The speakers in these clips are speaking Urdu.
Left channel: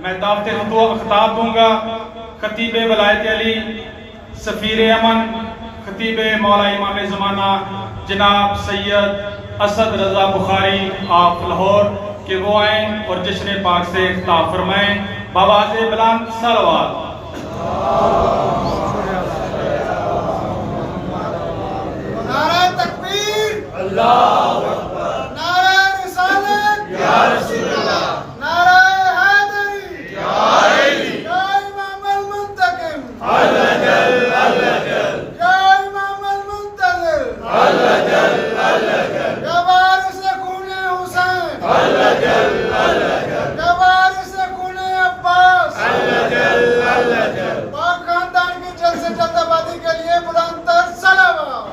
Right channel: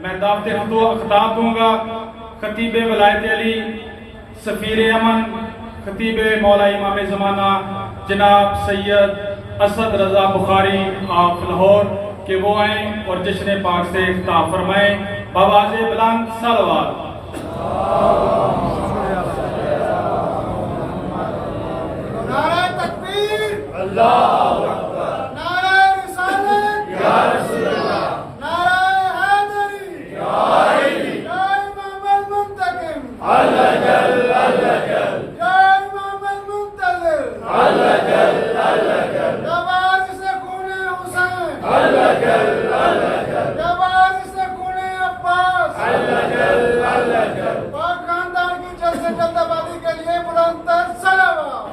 میں دعوت خطاب دوں گا خطیب ولایت علی، سفیر امن، خطیب مولا امام زمانہ جناب سید اسد رضا بخاری آپ لاہور کہ وہ آئیں اور جشن پاک سے خطاب فرمائیں بآواز بلند صلوات۔ نعرہ تکبیر، اللہ اکبر، نعرہ رسالت، یا رسول اللہ، نعرہ حیدری، یا علی، یا امام المنتقم، اللہ جل اللہ جل، یا امام المنتظر، اللہ جل اللہ جل، یا وارث خون حسین، اللہ جل اللہ جل، یا وارث خون عباس، اللہ جل اللہ جل، پاک خاندان کی جلد سے جلد آبادی کے لیے بلند تر صلوات۔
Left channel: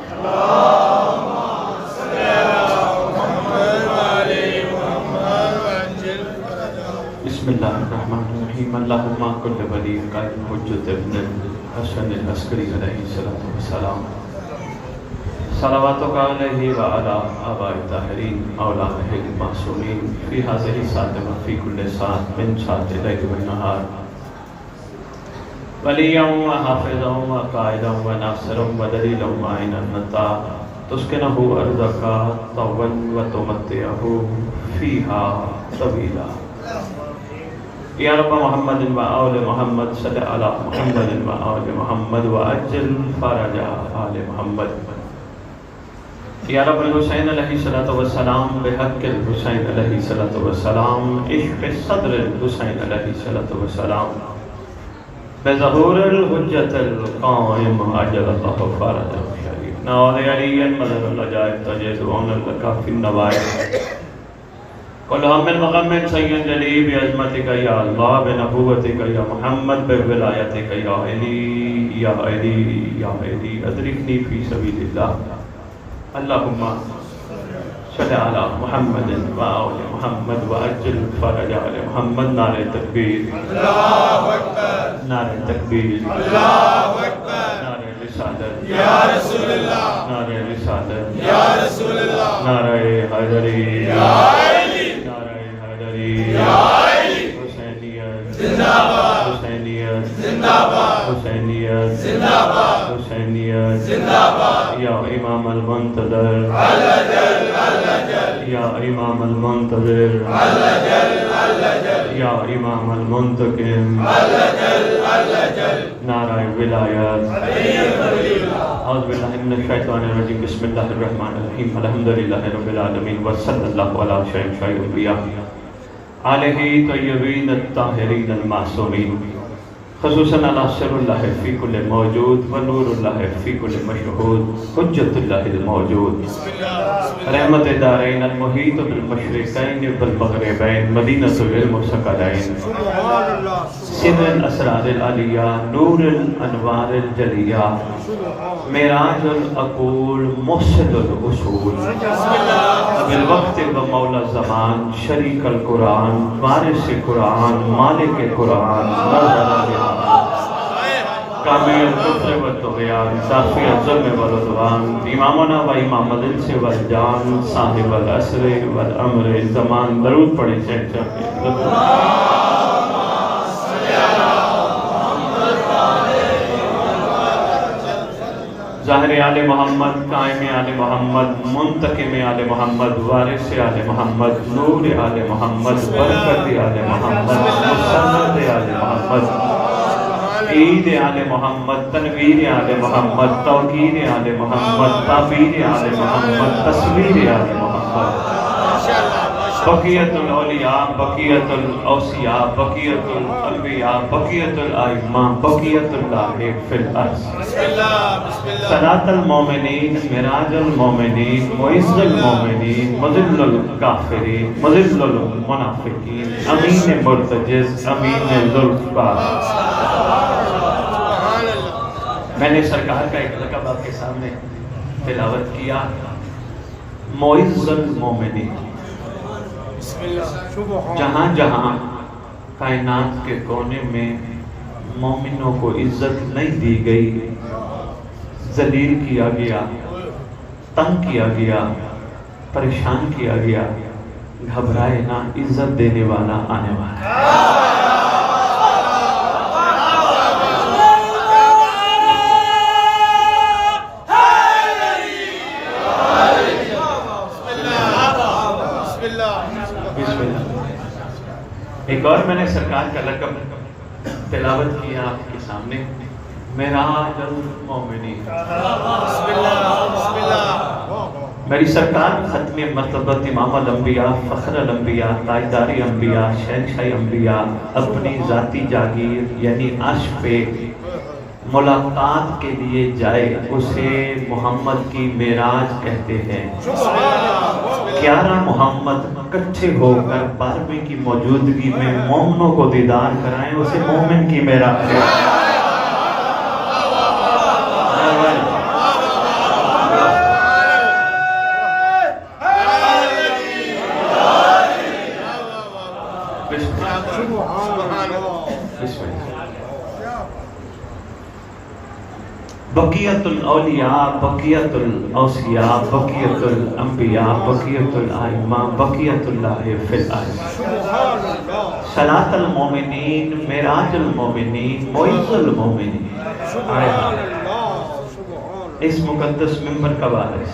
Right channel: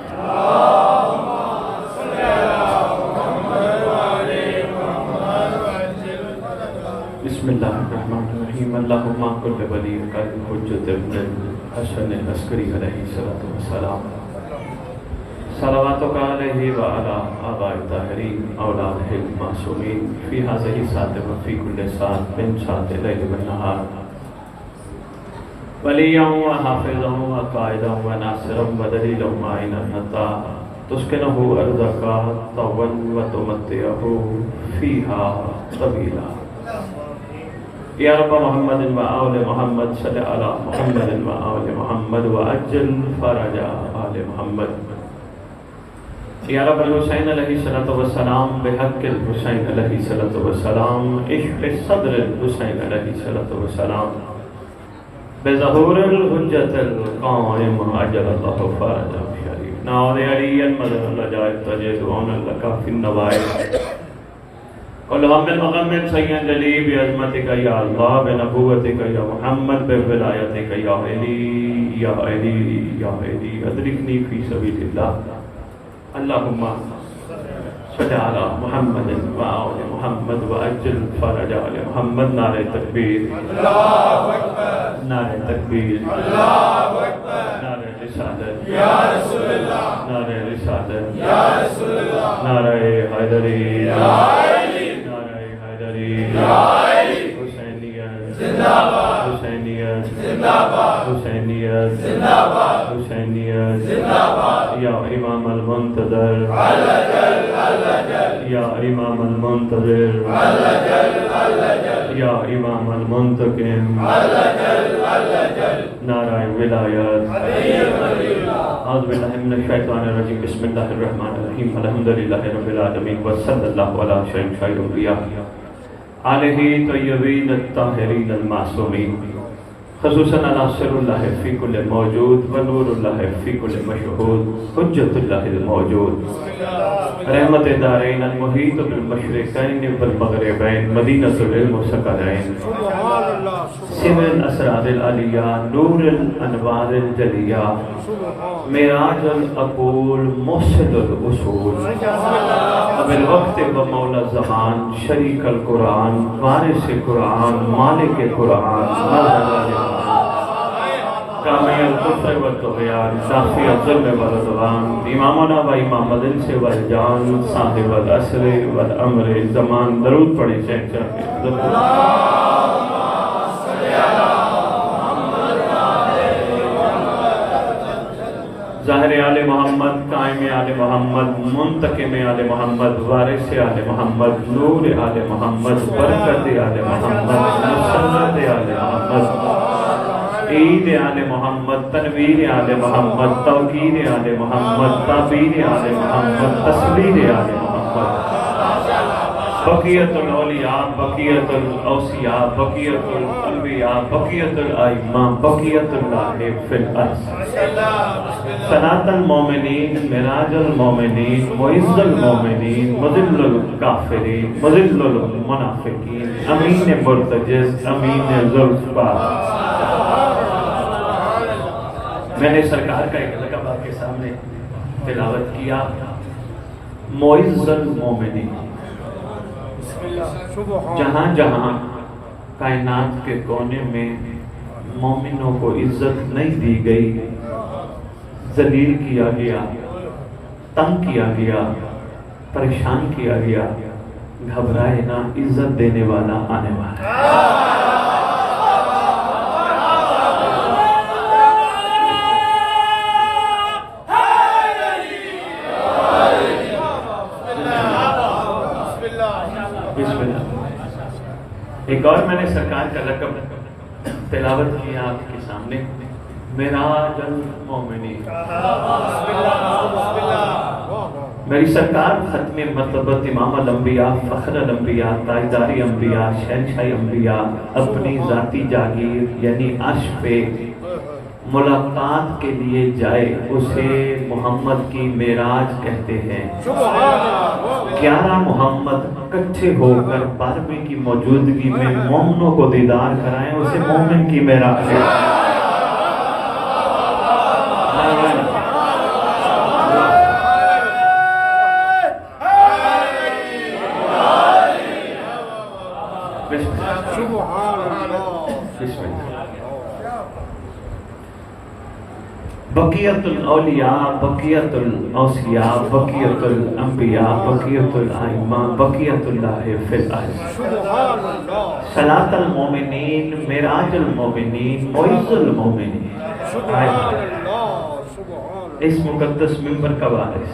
بسم اللہ الرحمن الرحیم۔ اللہم کل ولی قائم حجت ابن الحسن العسکری علیہ السلام، صلواتک علیہ وعلی آباء الطاہرین اولادہ المعصومین فی ھذہ الساعۃ وفی کل ساعۃ من ساعۃ اللیل والنہار، ولیٰ وحافظا وقائدا وناصرا ودلیلا معینا حتی تسکنہ ارضک طوعا وتمتعہ فیہا طویلا۔ یا رب محمد و آل محمد صلی علی محمد و آل محمد وعجل فرج آل محمد۔ یا رب الحسین علیہ السلام بحق الحسین علیہ السلام، عشق صدر الحسین علیہ السلام، بظہور الحجت القائم عجل اللہ فرجہ شریف، ناظ علی المظہر العجائب تجد عون لکا فی النوائب، والہم المغم سید جلی بعظمتک یا اللہ، بنبوتک یا محمد، بولایتک یا علی یا علی یا علی، ادرکنی فی سبیل اللہ۔ اللہم صلی علی محمد و آل محمد وعجل فرج آل محمد۔ نعرہ تکبیر، اللہ اکبر، نعرہ تکبیر، اللہ اکبر، نعرہ رسالت، یا رسول اللہ، نعرہ رسالت، یا رسول اللہ، نعرہ حیدری، یا علی، نعرہ حیدری، یا علی، حسینیت زندہ باد، حسینیت زندہ باد، حسینیت زندہ باد، حسینیت، زندہ باد، یا امام المنتظر، اللہ جل اللہ جل، یا امام المنتظر، اللہ جل اللہ جل، یا امام المنتقم، اللہ جل اللہ جل، نعرہ ولایت۔ امیر ولی اللہ، اعوذ باللہ من الشیطان الرجیم، بسم اللہ الرحمن الرحیم، الحمدللہ رب العالمین، وصلی اللہ علی شہنشاہ الانبیاء علیہ طیبین الطاہرین المعصومین، خصوصاً علی سر اللہ فی کل موجود و نور اللہ فی کل مشہود، حجت اللہ الموجود، رحمت دارین المحیط بالمشرقین والمغربین، مدینۃ العلم والثقلین، سبحان اللہ، سر الاسرار العلیہ، نور الانوار الجلیہ، معراج العقول، موصل الاصول، بالوقت و مولا زمان، شریک القرآن، وارث قرآن، مالک قرآن، کامل الکفر والطغیان، صافی الظلم والعدوان، امامنا و امام الانس والجان، صاحب العصر والامر الزمان۔ درود پڑھی چاہتے ظاہر آل محمد، قائم آل محمد، منتقم آل محمد، وارث آل محمد، نور آل محمد، برکت آل محمد، مسرت آل محمد، عید آل محمد، تنویر آل محمد، توقیر آل محمد، تعبیر آل محمد، تصویر آل محمد، بقیت الاولیاء، بقیت الاوصیاء، بقیت الانبیاء، بقیت الائمہ، بقیت اللہ فی الارض، صلاة المومنین، معراج المومنین، معز المومنین، مذل الکافرین، مذل المنافقین، امین مرتجز، امین ذوالفقار۔ میں نے سرکار کا ایک لقب آپ کے سامنے تلاوت کیا، معز المومنین۔ جہاں جہاں کائنات کے کونے میں مومنوں کو عزت نہیں دی گئی، ذلیل کیا گیا، تنگ کیا گیا، پریشان کیا گیا، گھبرائے نہ، عزت دینے والا آنے والا ہے۔ اور میں نے سرکار کا لقب تلاوت کیا آپ کے سامنے، معراج المومنین۔ میری سرکار ختم مرتبت امام الانبیاء، فخر الانبیاء، تاجدار انبیاء، شہنشاہ انبیاء اپنی ذاتی جاگیر یعنی عرش پہ ملاقات کے لیے جائے، اسے محمد کی معراج کہتے ہیں۔ 11 محمد کٹھے ہو کر 12ویں کی موجودگی میں مومنوں کو دیدار کرائیں، اسے مومن کی معراج ہے۔ بقیت الاولیاء، بقیت الاوصیاء، بقیت الانبیاء، بقیت الائمہ، بقیت اللہ فی الارض۔ صلاۃ المومنین، معراج المومنین، معز المومنین۔ اس مقدس منبر کا وارث،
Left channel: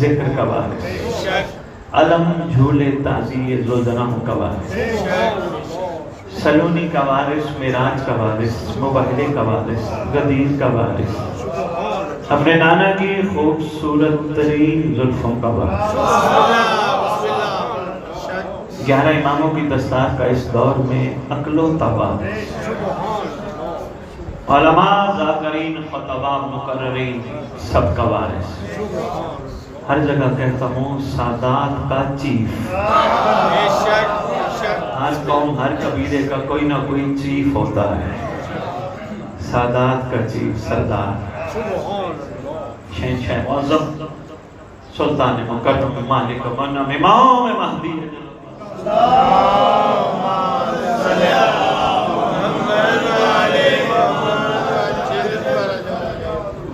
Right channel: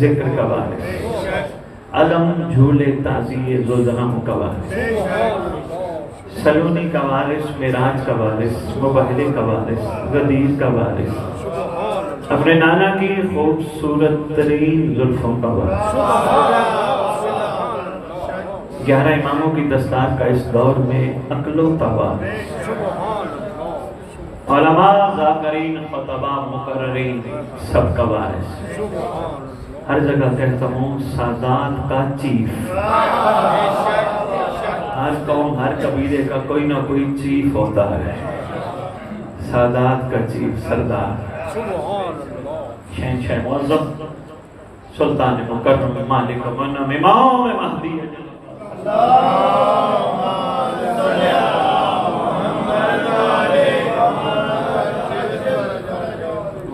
ذکر کا وارث، علم جھولے تعزیے زلزلہ کا وارث، سلونی کا وارث، معراج کا وارث، مبہلے کا وارث، غدیر کا وارث، اپنے نانا کی خوبصورت ترین زلفوں کا وارث، 11 اماموں کی دستار کا اس دور میں اکلوتا وارث، علماء، ذاکرین، خطباء، مقررین، سب کا وارث، ہر جگہ کہتا ہوں سادات کا چیف۔ ہر قوم، ہر قبیلے کا کوئی نہ کوئی چیف ہوتا ہے، سادات کا چیف، سردار، شہنشاہ معظم، سلطان مکرم، مالک منعم، امام مہدی۔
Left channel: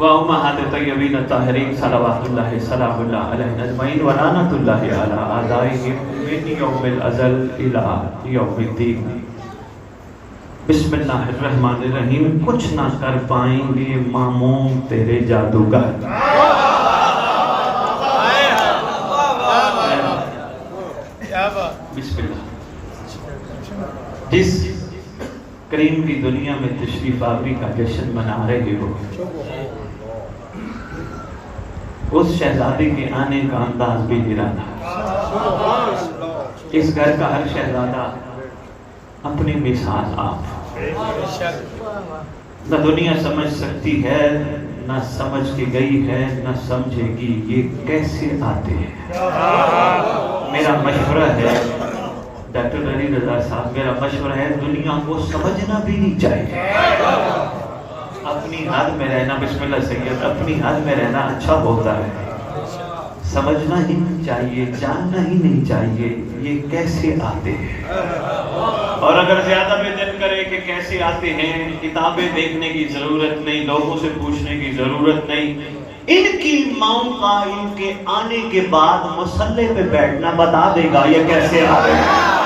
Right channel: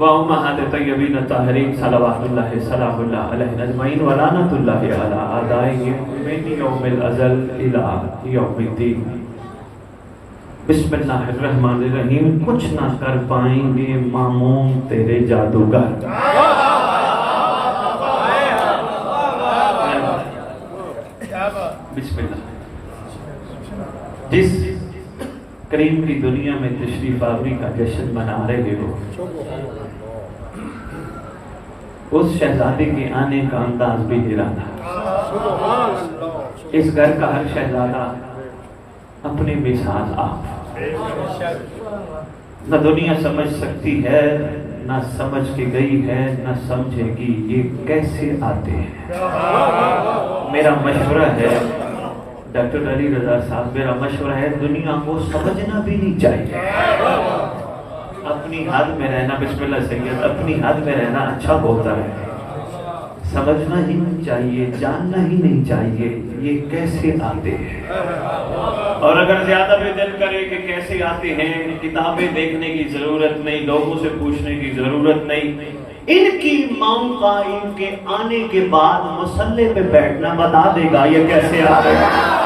وأمهات الطيبين الطاهرين صلوات الله سلام الله عليهم أجمعين ولعنة الله على أعدائهم من يوم الأزل إلى يوم الدين۔ بسم اللہ الرحمن الرحیم۔ کچھ نہ کر پائیں گے مامون تیرے جادوگر، بسم اللہ۔ جس کریم کی دنیا میں تشریف آوری کا جشن منا رہے ہو، اس شہزادے کے آنے کا انداز بھی نرالا ہے۔ اس گھر کا ہر شہزادہ اپنی مثال آپ، نہ دنیا سمجھ سکتی ہے، نہ سمجھ کے گئی ہے، نہ سمجھے گی یہ کیسے آتے ہیں۔ میرا مشورہ ہے ڈاکٹر علی رضا صاحب، میرا مشورہ ہے دنیا کو سمجھنا بھی نہیں چاہیے، اپنی حد میں رہنا، بسم اللہ سید، اپنی حد میں رہنا اچھا ہوتا ہے، سمجھنا ہی نہیں چاہیے، جاننا ہی نہیں چاہیے یہ کیسے آتے ہیں۔ اور اگر زیادہ بھی دل کرے کہ کیسے آتے ہیں، کتابیں دیکھنے کی ضرورت نہیں، لوگوں سے پوچھنے کی ضرورت نہیں، ان کی ماؤں کا ان کے آنے کے بعد مصلے پہ بیٹھنا بتا دے گا یہ کیسے آتے ہیں۔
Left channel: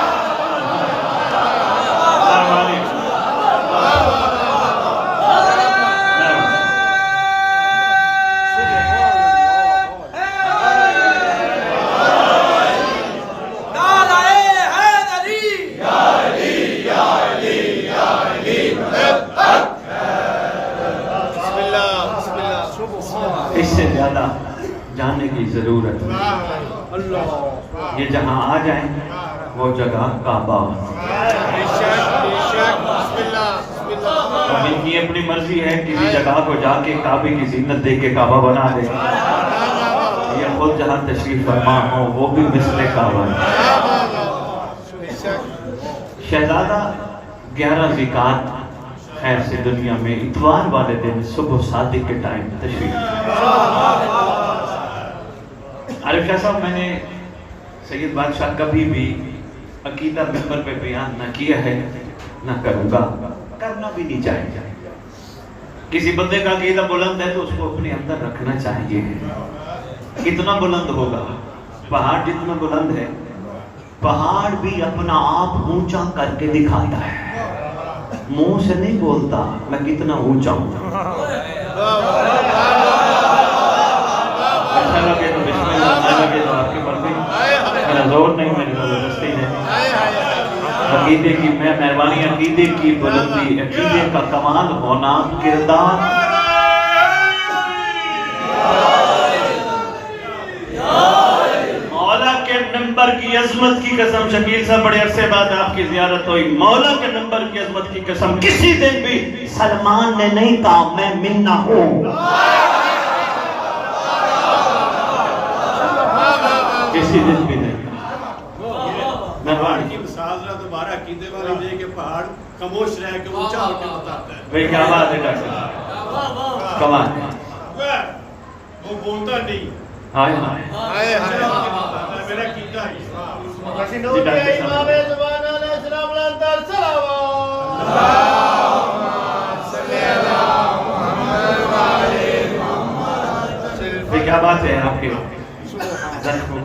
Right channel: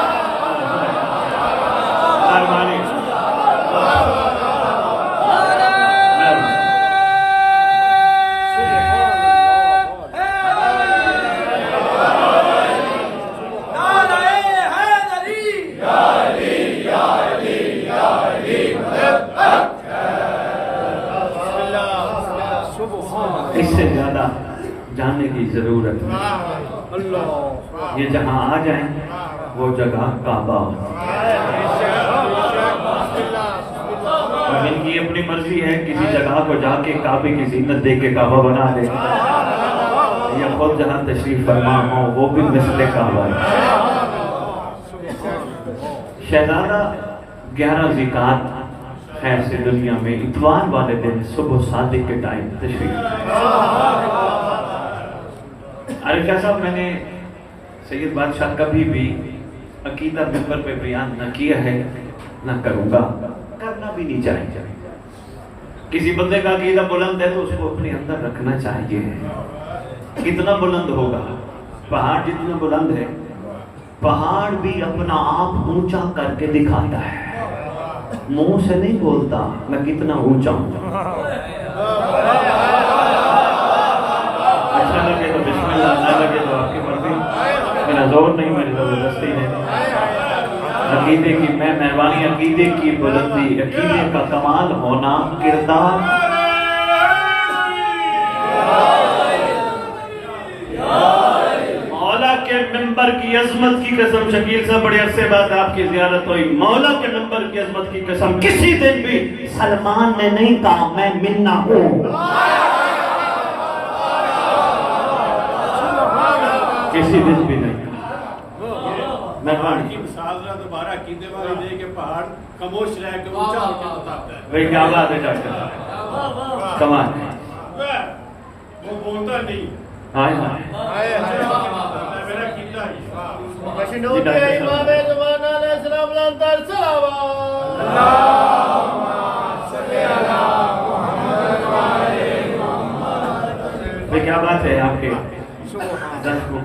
اس سے زیادہ جاننے کی ضرورت نہیں، یہ جہاں آ جائیں وہ جگہ کعبہ، اور ان کی اپنی مرضی ہے کسی جگہ کو جا کے کعبے کی زینت دے کے کعبہ بنا دے، یا خود جہاں تشریف فرما ہو وہ بھی مثل کعبہ ہے۔ شہزادہ 11 ذکات خیر سے دنیا میں اتوار والے دن صبح صادق کے ٹائم تشریف۔ عارف شاہ صاحب، میں نے سید بادشاہ کبھی بھی عقیدہ ممبر پہ بیان نہ کیا ہے، نہ کروں گا، کرنا بھی نہیں چاہیے۔ کسی بندے کا عقیدہ بلند ہے تو اس کو اپنے اندر رکھنا چاہیے۔ کتنا بلند ہوگا؟ پہاڑ جتنا بلند ہے، پہاڑ بھی اپنا آپ اونچا کر کے دکھاتا ہے، منہ سے نہیں بولتا میں کتنا اونچا ہوں۔ اچھا لگے تو بسم اللہ، نہ لگے تو آپ کی مرضی، میرا زور نہیں، میری زبردستی ہے۔ عقیدے کی میں مہربانی، عقیدے کی بلندی، عقیدے کا کمال ہونا، کردار مولا کے ممبر کی عظمت کی قسم، شکیل صاحب بڑے عرصے بعد آپ کی زیارت ہوئی، مولا کے ممبر کی عظمت کی قسم کسی دن بھی سلمان نے نہیں کہا میں منا ہوں، کسی دن بھی نہیں۔ پہاڑ کی مثال ذرا دوبارہ عقیدے والی دے کہ پہاڑ خاموش رہ کے اونچا ہو کے بتاتا ہے۔ بھئی کیا بات ہے ڈاکٹر صاحب، کمال وہ بولتا نہیں، ہائے ہائے میرا عقیدہ ہی ہے۔ نور امام زمان علیہ السلام لندر سلام بھئی کیا بات ہے آپ کے ذات کو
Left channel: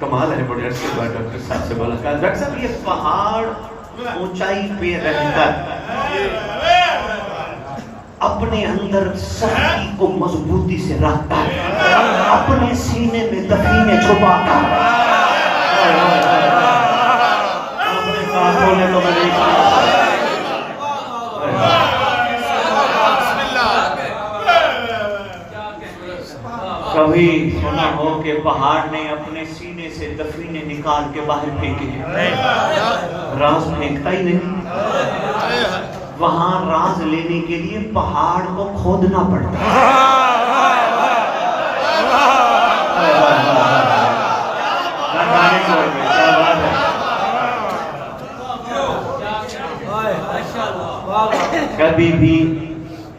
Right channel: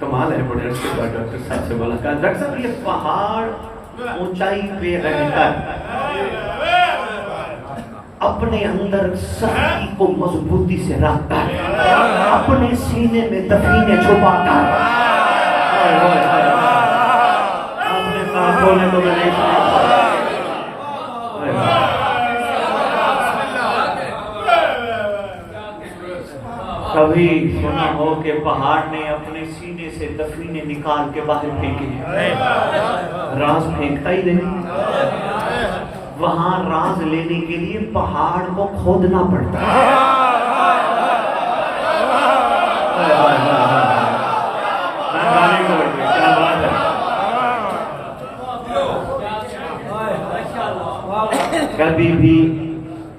کمال ہے، بڑے عرصے بعد ڈاکٹر صاحب سے ملاقات۔ ڈاکٹر صاحب یہ پہاڑ اونچائی پہ رہ کر اپنے اندر سختی کو مضبوطی سے رکھ کر اپنے سینے میں دفینے چھپا کر کبھی سنا ہو کہ پہاڑ نے اپنے سینے سے دفینے نکال کے باہر پھینکے؟ راز پھینکتا ہی نہیں، وہاں راز لینے کے لیے پہاڑ کو کھودنا پڑتا ہے۔ کبھی بھی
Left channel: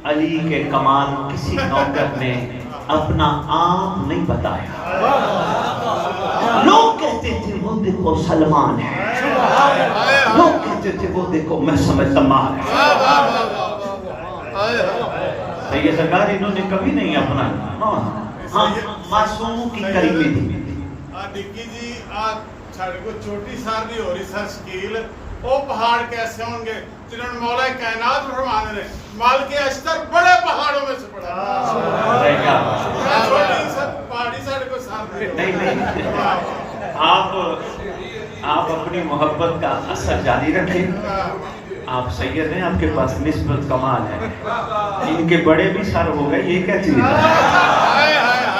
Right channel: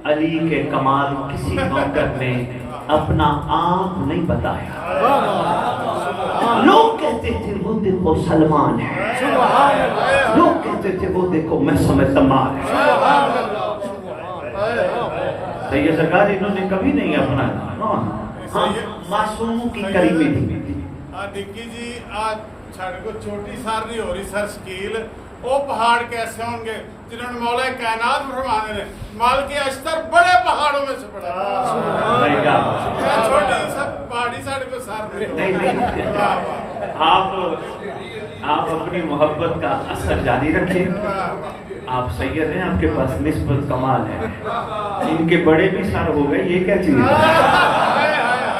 علی کے کمال کسی نوکر نے اپنا آپ نہیں بتایا، لوگ کہتے تھے وہ دیکھو سلمان ہے، لوگ کہتے تھے وہ دیکھو میں سمجھتا مال ہے۔ تو یہ سرکار انہوں نے کبھی نہیں اپنا ہاں معصوم کی قریبی تھی۔ ڈکی جی آج چھڑ کو چھوٹی ساری ہو رہی سر شکیل وہ پہاڑ کیسے ہوں گے جنہوں نے مولا کائنات فرمانے نے مالک اشتر بڑے پہاڑوں میں سے پڑھا چھوٹی سر پہاڑی ساڑھے کو سار نہیں آپ اپنی محبت کا اثر جاری رکھیں، آپ سید ہیں، آپ کے پاس نسبت کمال ہے، ان کے بڑے بھی سر ہو گئے، یہ کیا چیز ہے؟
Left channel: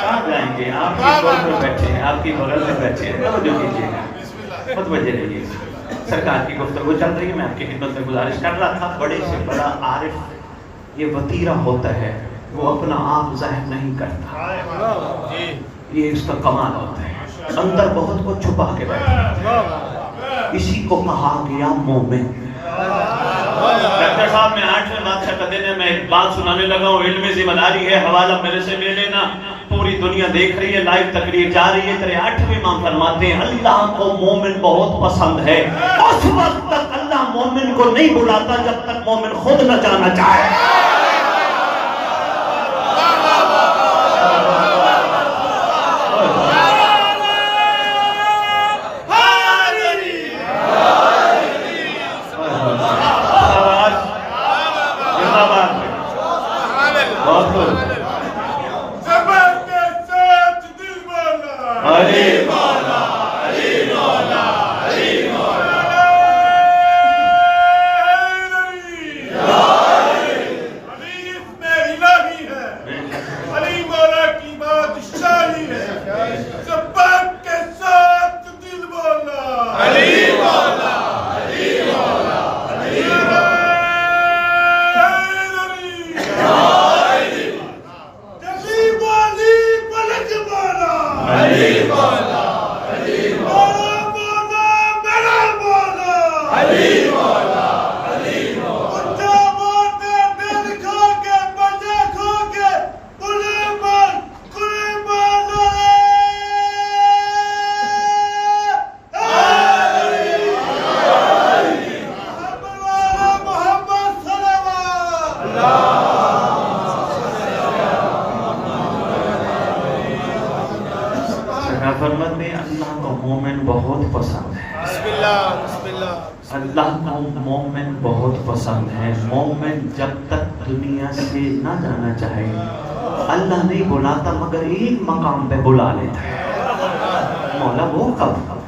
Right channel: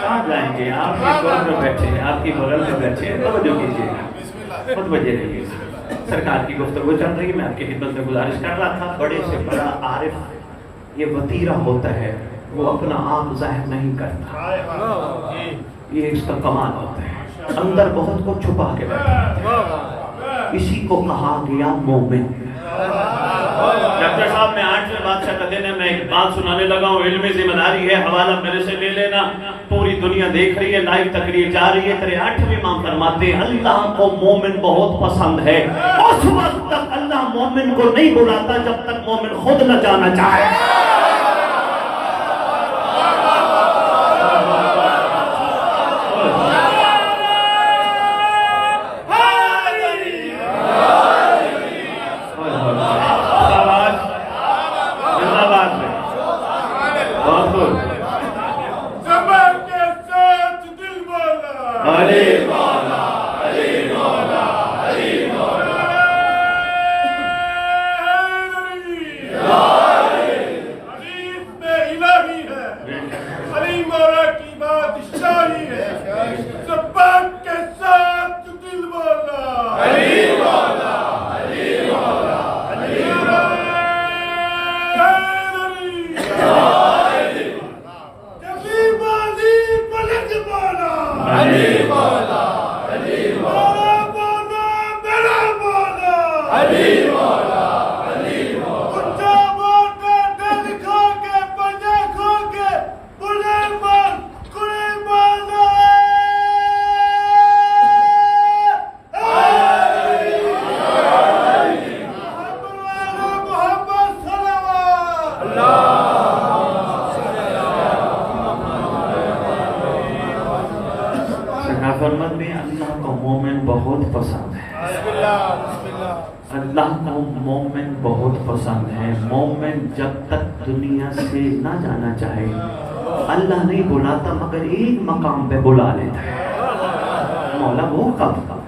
کہاں جائیں گے؟ آپ کی بغل میں بیٹھے ہیں، آپ کی بغل میں بیٹھے ہیں، توجہ کیجیے گا، متوجہ رہیے۔ سرکار کی گفتگو چل رہی ہے، میں آپ کی خدمت میں گزارش کر رہا تھا، بڑے سے بڑا عارف یہ وطیرہ ہوتا ہے، وہ اپنا آپ ظاہر نہیں کرتا، یہ اس کا کمال ہوتا ہے، اندر بہت کو چھپا کے بیٹھا، اسی کو کہا گیا مومن۔ ڈاکٹر صاحب میں 8ویں بادشاہ کا دن ہے، میں ایک بات سنانے لگا ہوں، علم ذمہ داری ہے، حوالہ میرے سے لے لینا، پوری دنیا دیکھ رہی ہے، لائیو تقریر جا رہی ہے۔ تیرے 8ویں امام فرماتے ہیں اللہ کو مومن بہت پسند ہے، اس وقت تک اللہ مومن کو نہیں بلاتا جب تک مومن خود نہ جانا چاہے۔ فرماتے میں اللہ کو مومن بہت پسند ہے، اللہ کو مومن بہت پسند ہے۔ مومن جب تک دنیا سے نہ جانا چاہے اللہ نہیں بلاتا، مگر ایک مقام پہ بلا لیتا ہے۔ مولا وہ کب؟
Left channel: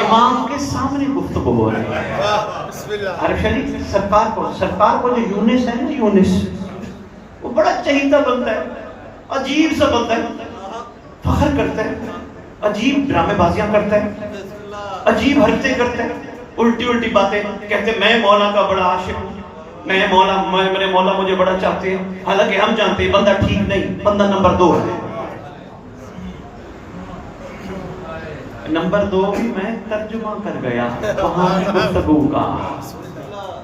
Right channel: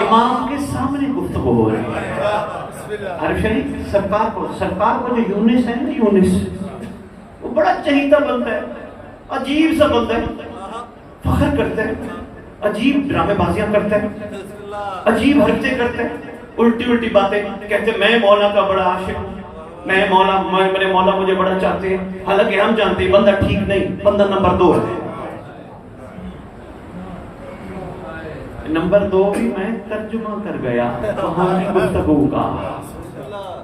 امام کے سامنے گفتگو ہو رہی ہے. عارف شریف سرکار کو جو یونس ہے نا، یونس وہ بڑا چہیتا بنتا ہے، عجیب سا بنتا ہے، فخر کرتا ہے، عجیب ڈرامے بازیاں کرتا ہے، عجیب حرکتیں کرتا ہے، الٹی باتیں کہتے. میں مولا کا بڑا عاشق ہوں، میرے مولا مجھے بڑا چاہتے ہیں. حالانکہ ہم جانتے ہیں بندہ ٹھیک نہیں، بندہ نمبر 2 ہے. نمبر 2 بھی میں ترجمہ کر گیا وہاں گفتگو کا.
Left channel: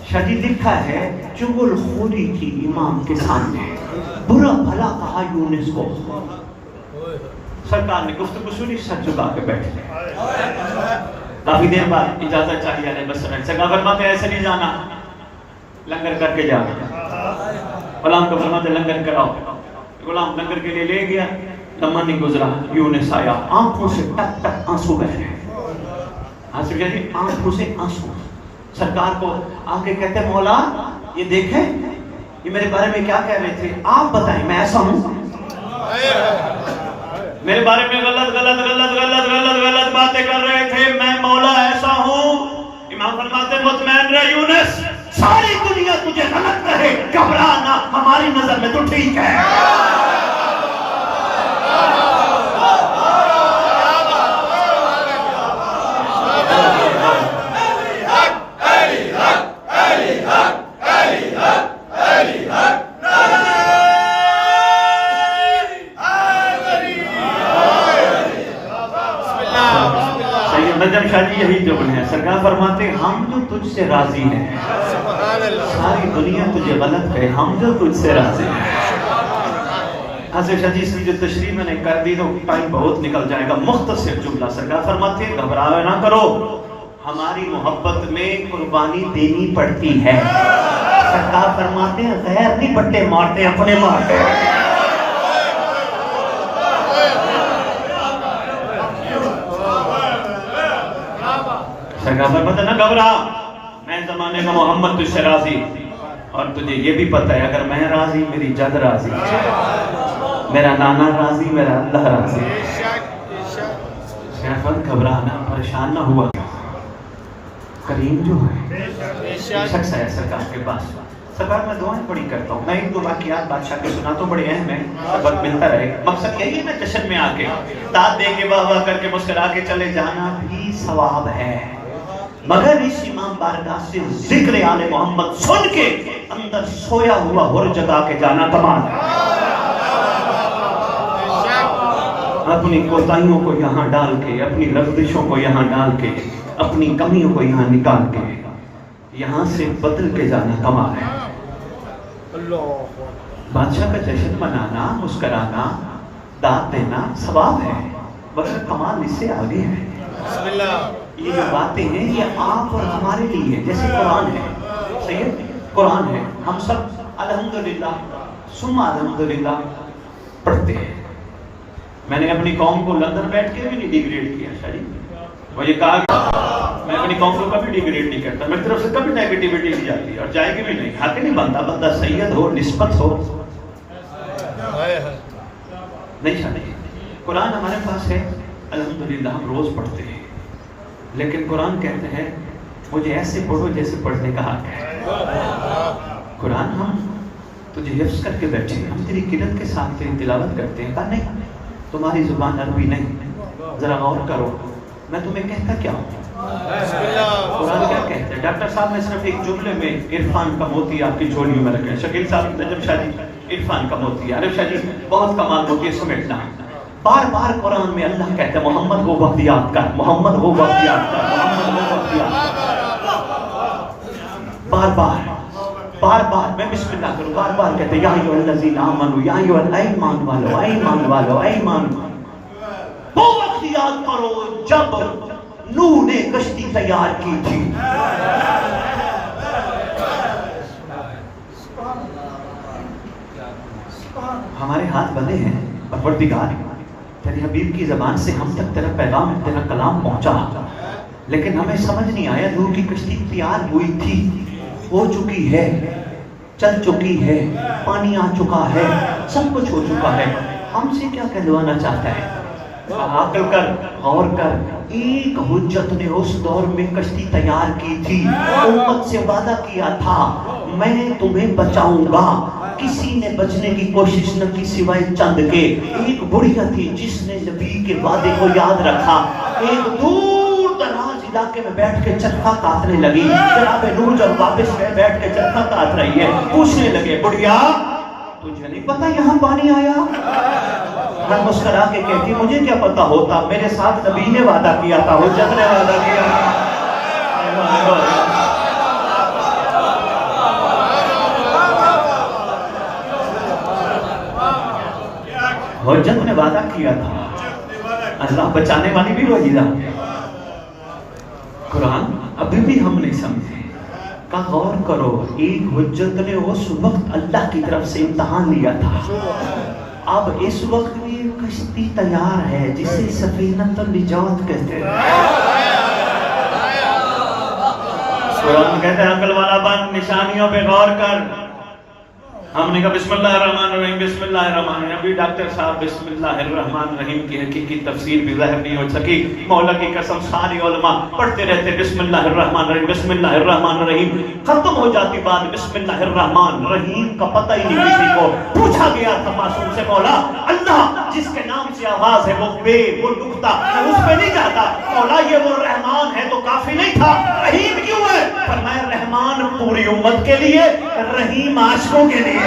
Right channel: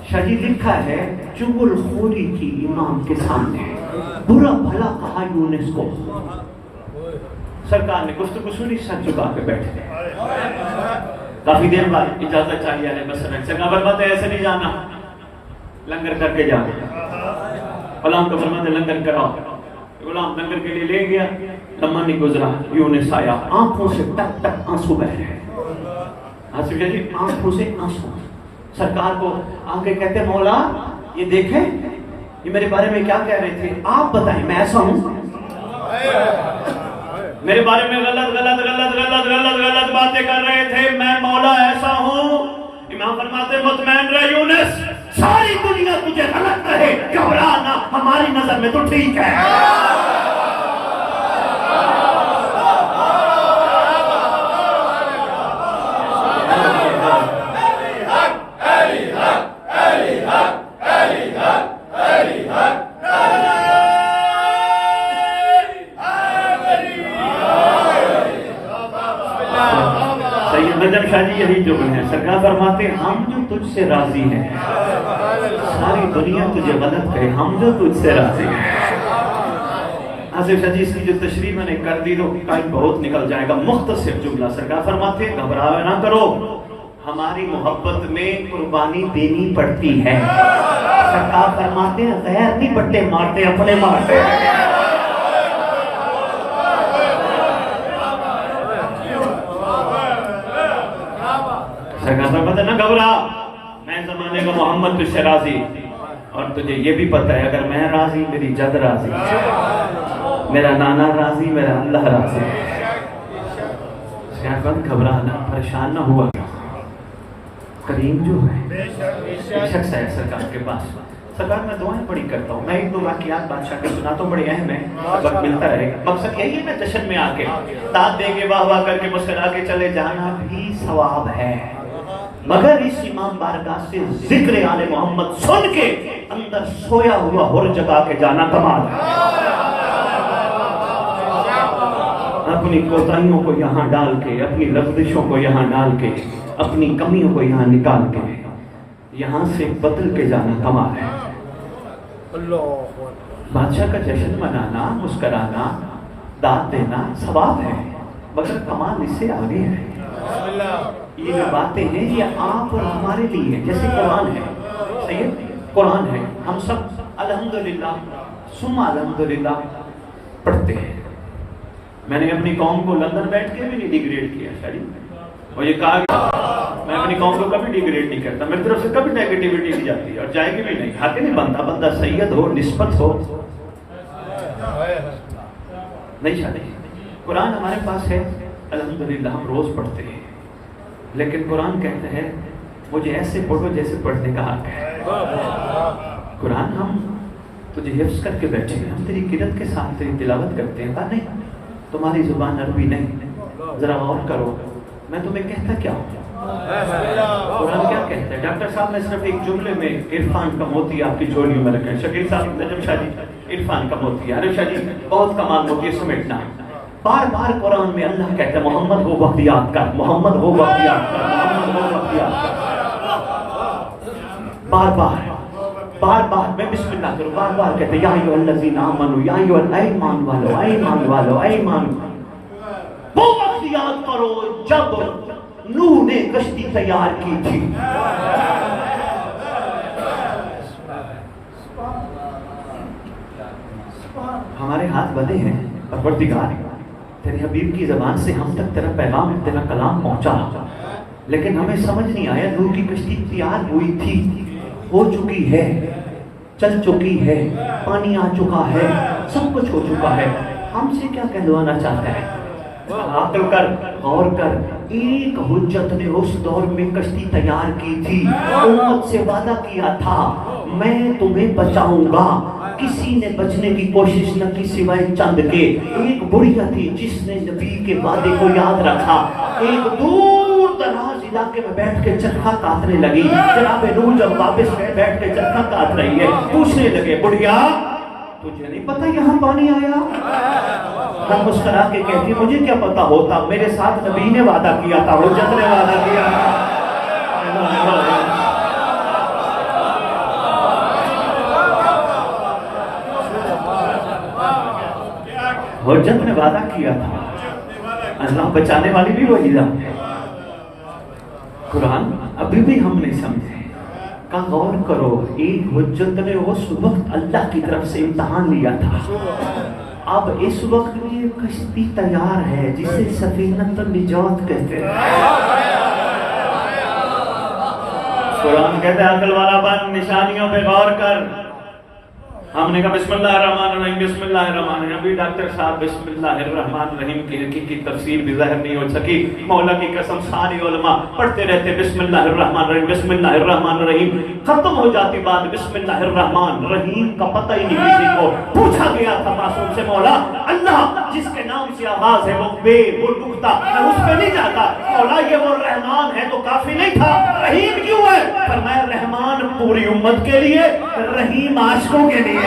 شدید لکھا ہے چغل خوری کی امام کے سامنے، برا بھلا کہا یونس کو. سرکار نے گفتگو سنی، سر جھکا کے بیٹھے. کافی دیر بعد اجازت چاہیے علیہ السلام. سرکار فرماتے ہیں ایسے نہیں جانا، لنگر کر کے جانا. غلام کو فرماتے لنگر کراؤ. غلام لنگر کے لیے لے گیا. لمحہ نہیں گزرا، یونس آیا، آنکھوں سے ٹک ٹک آنسو بہ رہے ہیں. آنکھوں سے آنسو. سرکار کو آگے کہتے مولا یہ دیکھیں یہ میرے بارے میں کیا کہہ رہے تھے، آپ بتائیں میں ایسا ہوں؟ میرے بارے میں غلط باتیں کر رہے تھے، میں مولا ایسا ہوں. امام فرماتے مطمئن رہ یونس، ساری دنیا تجھے غلط رہے، گھبرانا، ہماری نظر میں تو ٹھیک ہے. نجم شاہ جی یہی جملے ہیں. سرکار فرماتے ہم جو تجھ سے راضی ہیں، ساری دنیا تجھے غلط کہے، ہم جو تجھ سے راضی ہیں. آصف شاہ جی اس کی جو تشریح میں نے کر دی تو ٹائم بہت نکل جائے گا. مختصر جملہ. سرکار فرماتے ہیں گھبراؤ نہ کرو، ہماری محبت میں قربانی دینی پڑتی ہے. سرکار فرماتے ہیں غیر نہیں بٹے مارتے، اپنے مارتے ہیں. سرکار فرماتے نہ گھبرا، میں زمانے کا محمد تجھ سے راضی. اور تجھے یہ بھی پتہ ہے اگر میں راضی میری جد راضی، میرا نانا راضی، میرا اللہ راضی. سرکار گھبرانا، پریشان نہ ہوا. کریم جو ہے شخص ہے سرکار کے پاس. سرکار میں دعائیں بڑی کرتا ہوں. میں ایک دو واقعات بادشاہ کے سناتا ہوں، بڑے اہم ہیں، سبق ملتا رہے. مقصد یہی ہے نا جشن میں آ کے داد دے کے واہ واہ کر کے مسکرا کے چلے جانا بھی ثواب ہے، مگر اس امام بارگاہ سے ذکر آل محمد سن کے اندر سویا ہوا ہر جگا کے جانا کمال ہے. اپنی کوتاہیوں کو یہاں ڈال کے، اپنی لغزشوں کو یہاں ڈال کے، اپنی کمیوں کو یہاں نکال کے یہاں سے بدل کے جانا کمال ہے. بادشاہ کا جشن منانا، مسکرانا، داد دینا ثواب ہے، مگر کمال اس سے آگے ہے. یہ باتیں ہیں یہ آپ اور ہمارے لیے، جیسے قرآن ہے، قرآن ہے، ہم سب الحمدللہ ثم الحمدللہ پڑھتے ہیں. میں نے اپنی قوم کو لندن بیٹھ کے بھی نہیں ڈیگریڈ کیا شاید، اور یہ کہا میں اپنی قوم کو کبھی ڈیگریڈ نہیں کرتا، میری طرف سے کبھی نیگیٹیوٹی نہیں جاتی اور جائے گی بھی نہیں. حق نہیں بنتا بندہ سید ہو، نسبت ہو نہیں شاید. قرآن ہمارے پاس ہے الحمدللہ، ہم روز پڑھتے ہیں، لیکن قرآن کہتے ہیں مجھے ایسے پڑھو جیسے پڑھنے کا حق ہے. قرآن ہم تجھے حفظ کر کے بیٹھے ہیں، ہم تیری قرت کے ساتھ تیری تلاوت کرتے ہیں. کہا نہیں تمہاری زبان عربی نہیں، ذرا غور کرو میں تمہیں کہتا کیا ہوں. قرآن کیا کہتا ہے؟ ڈاکٹر صاحب نے صرف ایک جملے میں عرفان کا موتی آپ کی جھولی میں رکھے. شکیل صاحب نجم شاہ جی عرفان کا موتی، عارف شاہ جی بہت کمال موتی سمیٹنا. بار بار قرآن میں اللہ کہتا ہے محمد ہو وقت یاد کر، محمد ہو وقت یاد کر، محمد ہو وقت یاد کر. بار بار میں بسم اللہ کروں، بار بار کہتے ہیں یا ایھا الذین آمنوا، یا ایھا ایمان والو، ایمان والو، ایمان. وہ وقت یاد کرو جب نوح نے کشتی تیار کی تھی. ہمارے ہاتھ بندے ہیں، پروردگار تیرے حبیب کی زبان سے ہم تک تیرا پیغام، تیرا کلام پہنچا، لیکن ہمیں سمجھ نہیں آیا. نوح کی کشتی تیار ہوئی تھی، ہو چکی ہے، چل چکی ہے، پانی آ چکا ہے، سب کچھ ہو چکا ہے. ہم سے کیا کہلوانا چاہتا ہے؟ عقل کر، غور کر، ایک حجت نے اس دور میں کشتی تیار کی تھی، امت سے وعدہ کیا تھا میں تمہیں بچاؤں گا، کسی نے بچنے کی کوشش نہ کی سوائے چند کے۔ ایک بڑھیا تھی جس نے نبی کے وعدے کو یاد رکھا، ایک دور دراز علاقے میں بیٹھ کے چرخا کاٹنے لگی۔ جناب نوح جب واپس گئے بیٹھ کے چرخا کاٹ رہی ہے، پوچھنے لگے بڑھیا تجھے نہیں پتا یہاں پانی آیا؟ میں مسکرا کے کہتی مجھے کیا پتا ہوتا، میرے ساتھ نبی نے وعدہ کیا تھا، حجت نے وعدہ کیا۔ حجت نے وعدہ کیا تھا، اللہ بچانے والی بھی وہی ذات ہے۔ قرآن ابھی بھی ہم نہیں سمجھے، کا غور کرو، ایک حجت نے اس وقت اللہ کی طرف سے امتحان لیا تھا، اب اس وقت یہ کشتی تیار ہے جسے سفینۃ النجات کہتے ہیں۔ قرآن کہتے ہیں عقل والا بن، نشانیوں پہ غور کر۔ ہم نے کہا بسم اللہ الرحمن الرحیم، بسم اللہ الرحمن الرحیم، ابھی ڈاکٹر صاحب بسم اللہ الرحمن الرحیم کی حقیقی تفسیر بھی ظاہر نہیں ہو سکی۔ مولا کی قسم سارے علماء پڑھتے رہتے بسم اللہ الرحمن الرحیم، بسم اللہ الرحمن الرحیم، ختم ہو جاتی بات بسم اللہ الرحمن الرحیم کا پتہ ہی نہیں کسی کو۔ پوچھا گیا تھا معصوم سے مولا اللہ جس کے نام سے آغاز ہے وہ بے وہ نقطہ میں اس پہ نہیں جاتا، مولا یہ وہ رحمان ہے تو کافی نہیں تھا، رحیم کیوں ہے؟ فرمایا رحمان پوری امت کے لیے، رحیم عاشقوں کے لیے۔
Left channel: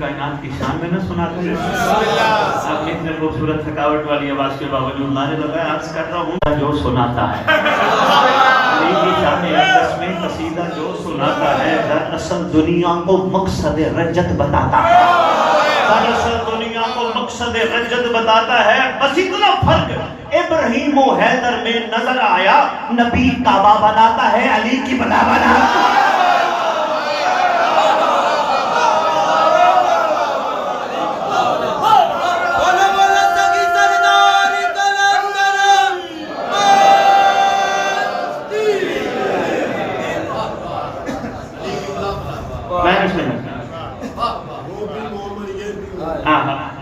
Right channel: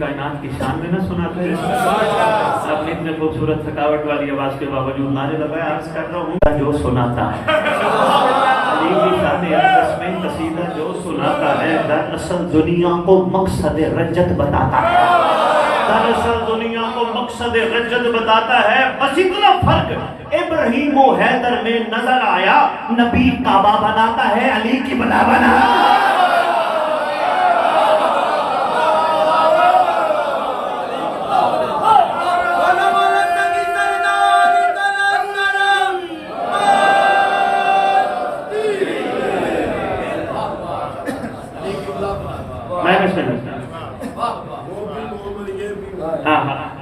کائنات کی شان میں نہ سناتے ہیں، آپ اتنے خوبصورت تھکاوٹ والی آواز کے باوجود لانے لگا عرض کر رہا ہوں جو سناتا ہے قصیدہ جو سناتا ہے دراصل دنیا کو مقصد رجت بتاتا ہے، دراصل دنیا کو مقصد رجت بتاتا ہے۔ بس اتنا فرق ابراہیم و حیدر میں نظر آیا، نبی کعبہ بناتا ہے، علی کی بنا بناتا ہے۔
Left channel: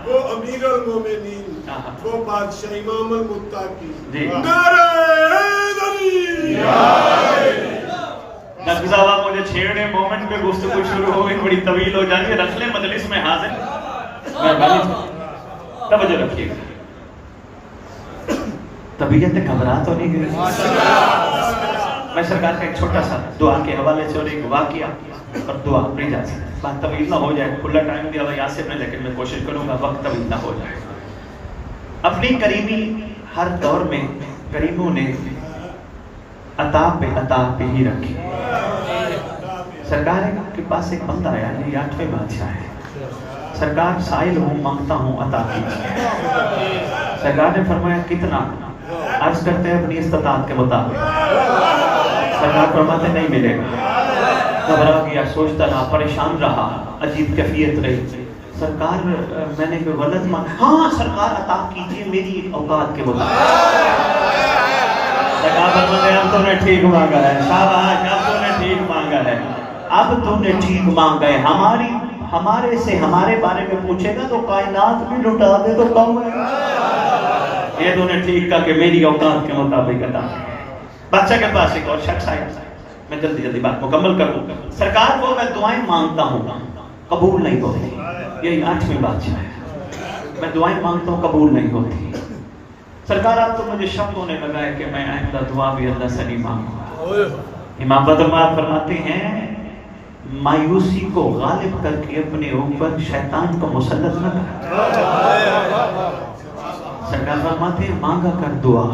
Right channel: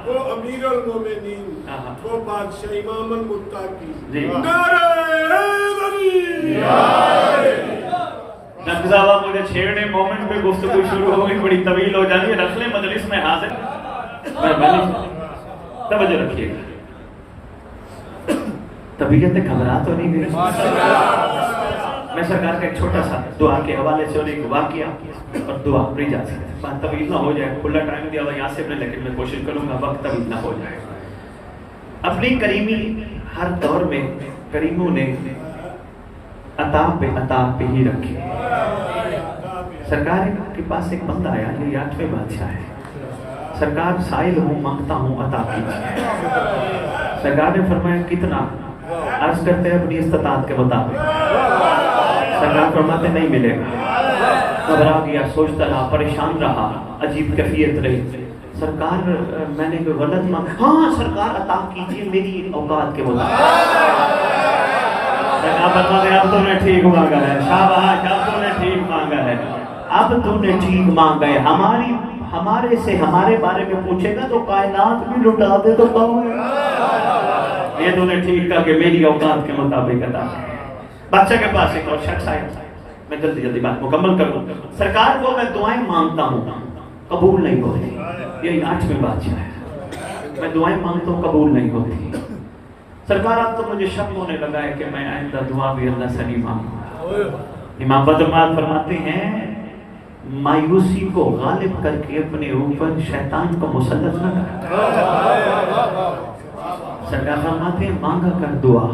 وہ امیر المومنین، وہ بادشاہ امام المتقی، نعرہ حیدری۔ نقض آبا مجھے چھیڑنے مومنٹ پہ گفتگو شروع ہو گئی، بڑی طویل ہو جاتی ہے، رسل مجلس میں حاضر توجہ رکھیے گا، طبیعت گھبرا تو نہیں گئی۔ میں سرکار کا ایک چھوٹا سا دعا کے حوالے سے اور ایک واقعہ اور دعا پڑھی جا سکتی ہے، بات طویل نہ ہو جائے، کھلا ٹائم دیا ہوا یاسر میں، لیکن میں کوشش کروں گا وقت طویل نہ ہو جائے۔ اپنی کریمی ہر دور میں کریموں نے عطا پہ ہی رکھی۔ سرکار کے پاس ایک بندہ آیا جو 8ویں بادشاہ ہے، سرکار سائل ہوں مانگتا ہوں عطا کیجیے۔ سرکار نے فرمایا کتنا؟ عرض کرتے ہیں اپنی استطاعت کے مطابق۔ سرکار فرماتے نہیں ملے گا، گھبرا گیا، سوچتا رہا، پریشان رہا، عجیب کیفیت رہی۔ سرکار میں نے کوئی ولد مانگا، ہاں سرکار عطا کیجیے میری اوقات کے مطابق۔ سرکار فرماتے اب تم نے ٹھیک مانگا ہے، شاباش اب تم نے ٹھیک مانگا ہے، اب تم نے ٹھیک مانگا ہے۔ ہمارے سے ہمارے بارے میں پوچھے گا تو کائنات بھی لٹا دے تو کم ہے۔ یہ تو نے ٹھیک کہا کہ میری اوقات کے مطابق عطا۔ بادشاہ کے پاس ایک اور شخص آیا، میں جلدی جلدی بات مکمل کروں. سرکار کو میں دعائیں مانگتا ہوں قبول نہیں ہوتی. یہی 8ویں بادشاہ ہے. میں دعائیں مانگتا ہوں قبول نہیں ہوتی. سرکار اب تو مجھے شک ہونے لگا ہے کہ میں آئندہ دعا بھی اللہ سے نہیں مانگوں. امام بدرمات فرماتے ہیں مایوسی کو غالب کر کے اپنے اوپر شیطان کو مسلط نہ کر. سرکار فرماتے ہیں مانگا کر دعا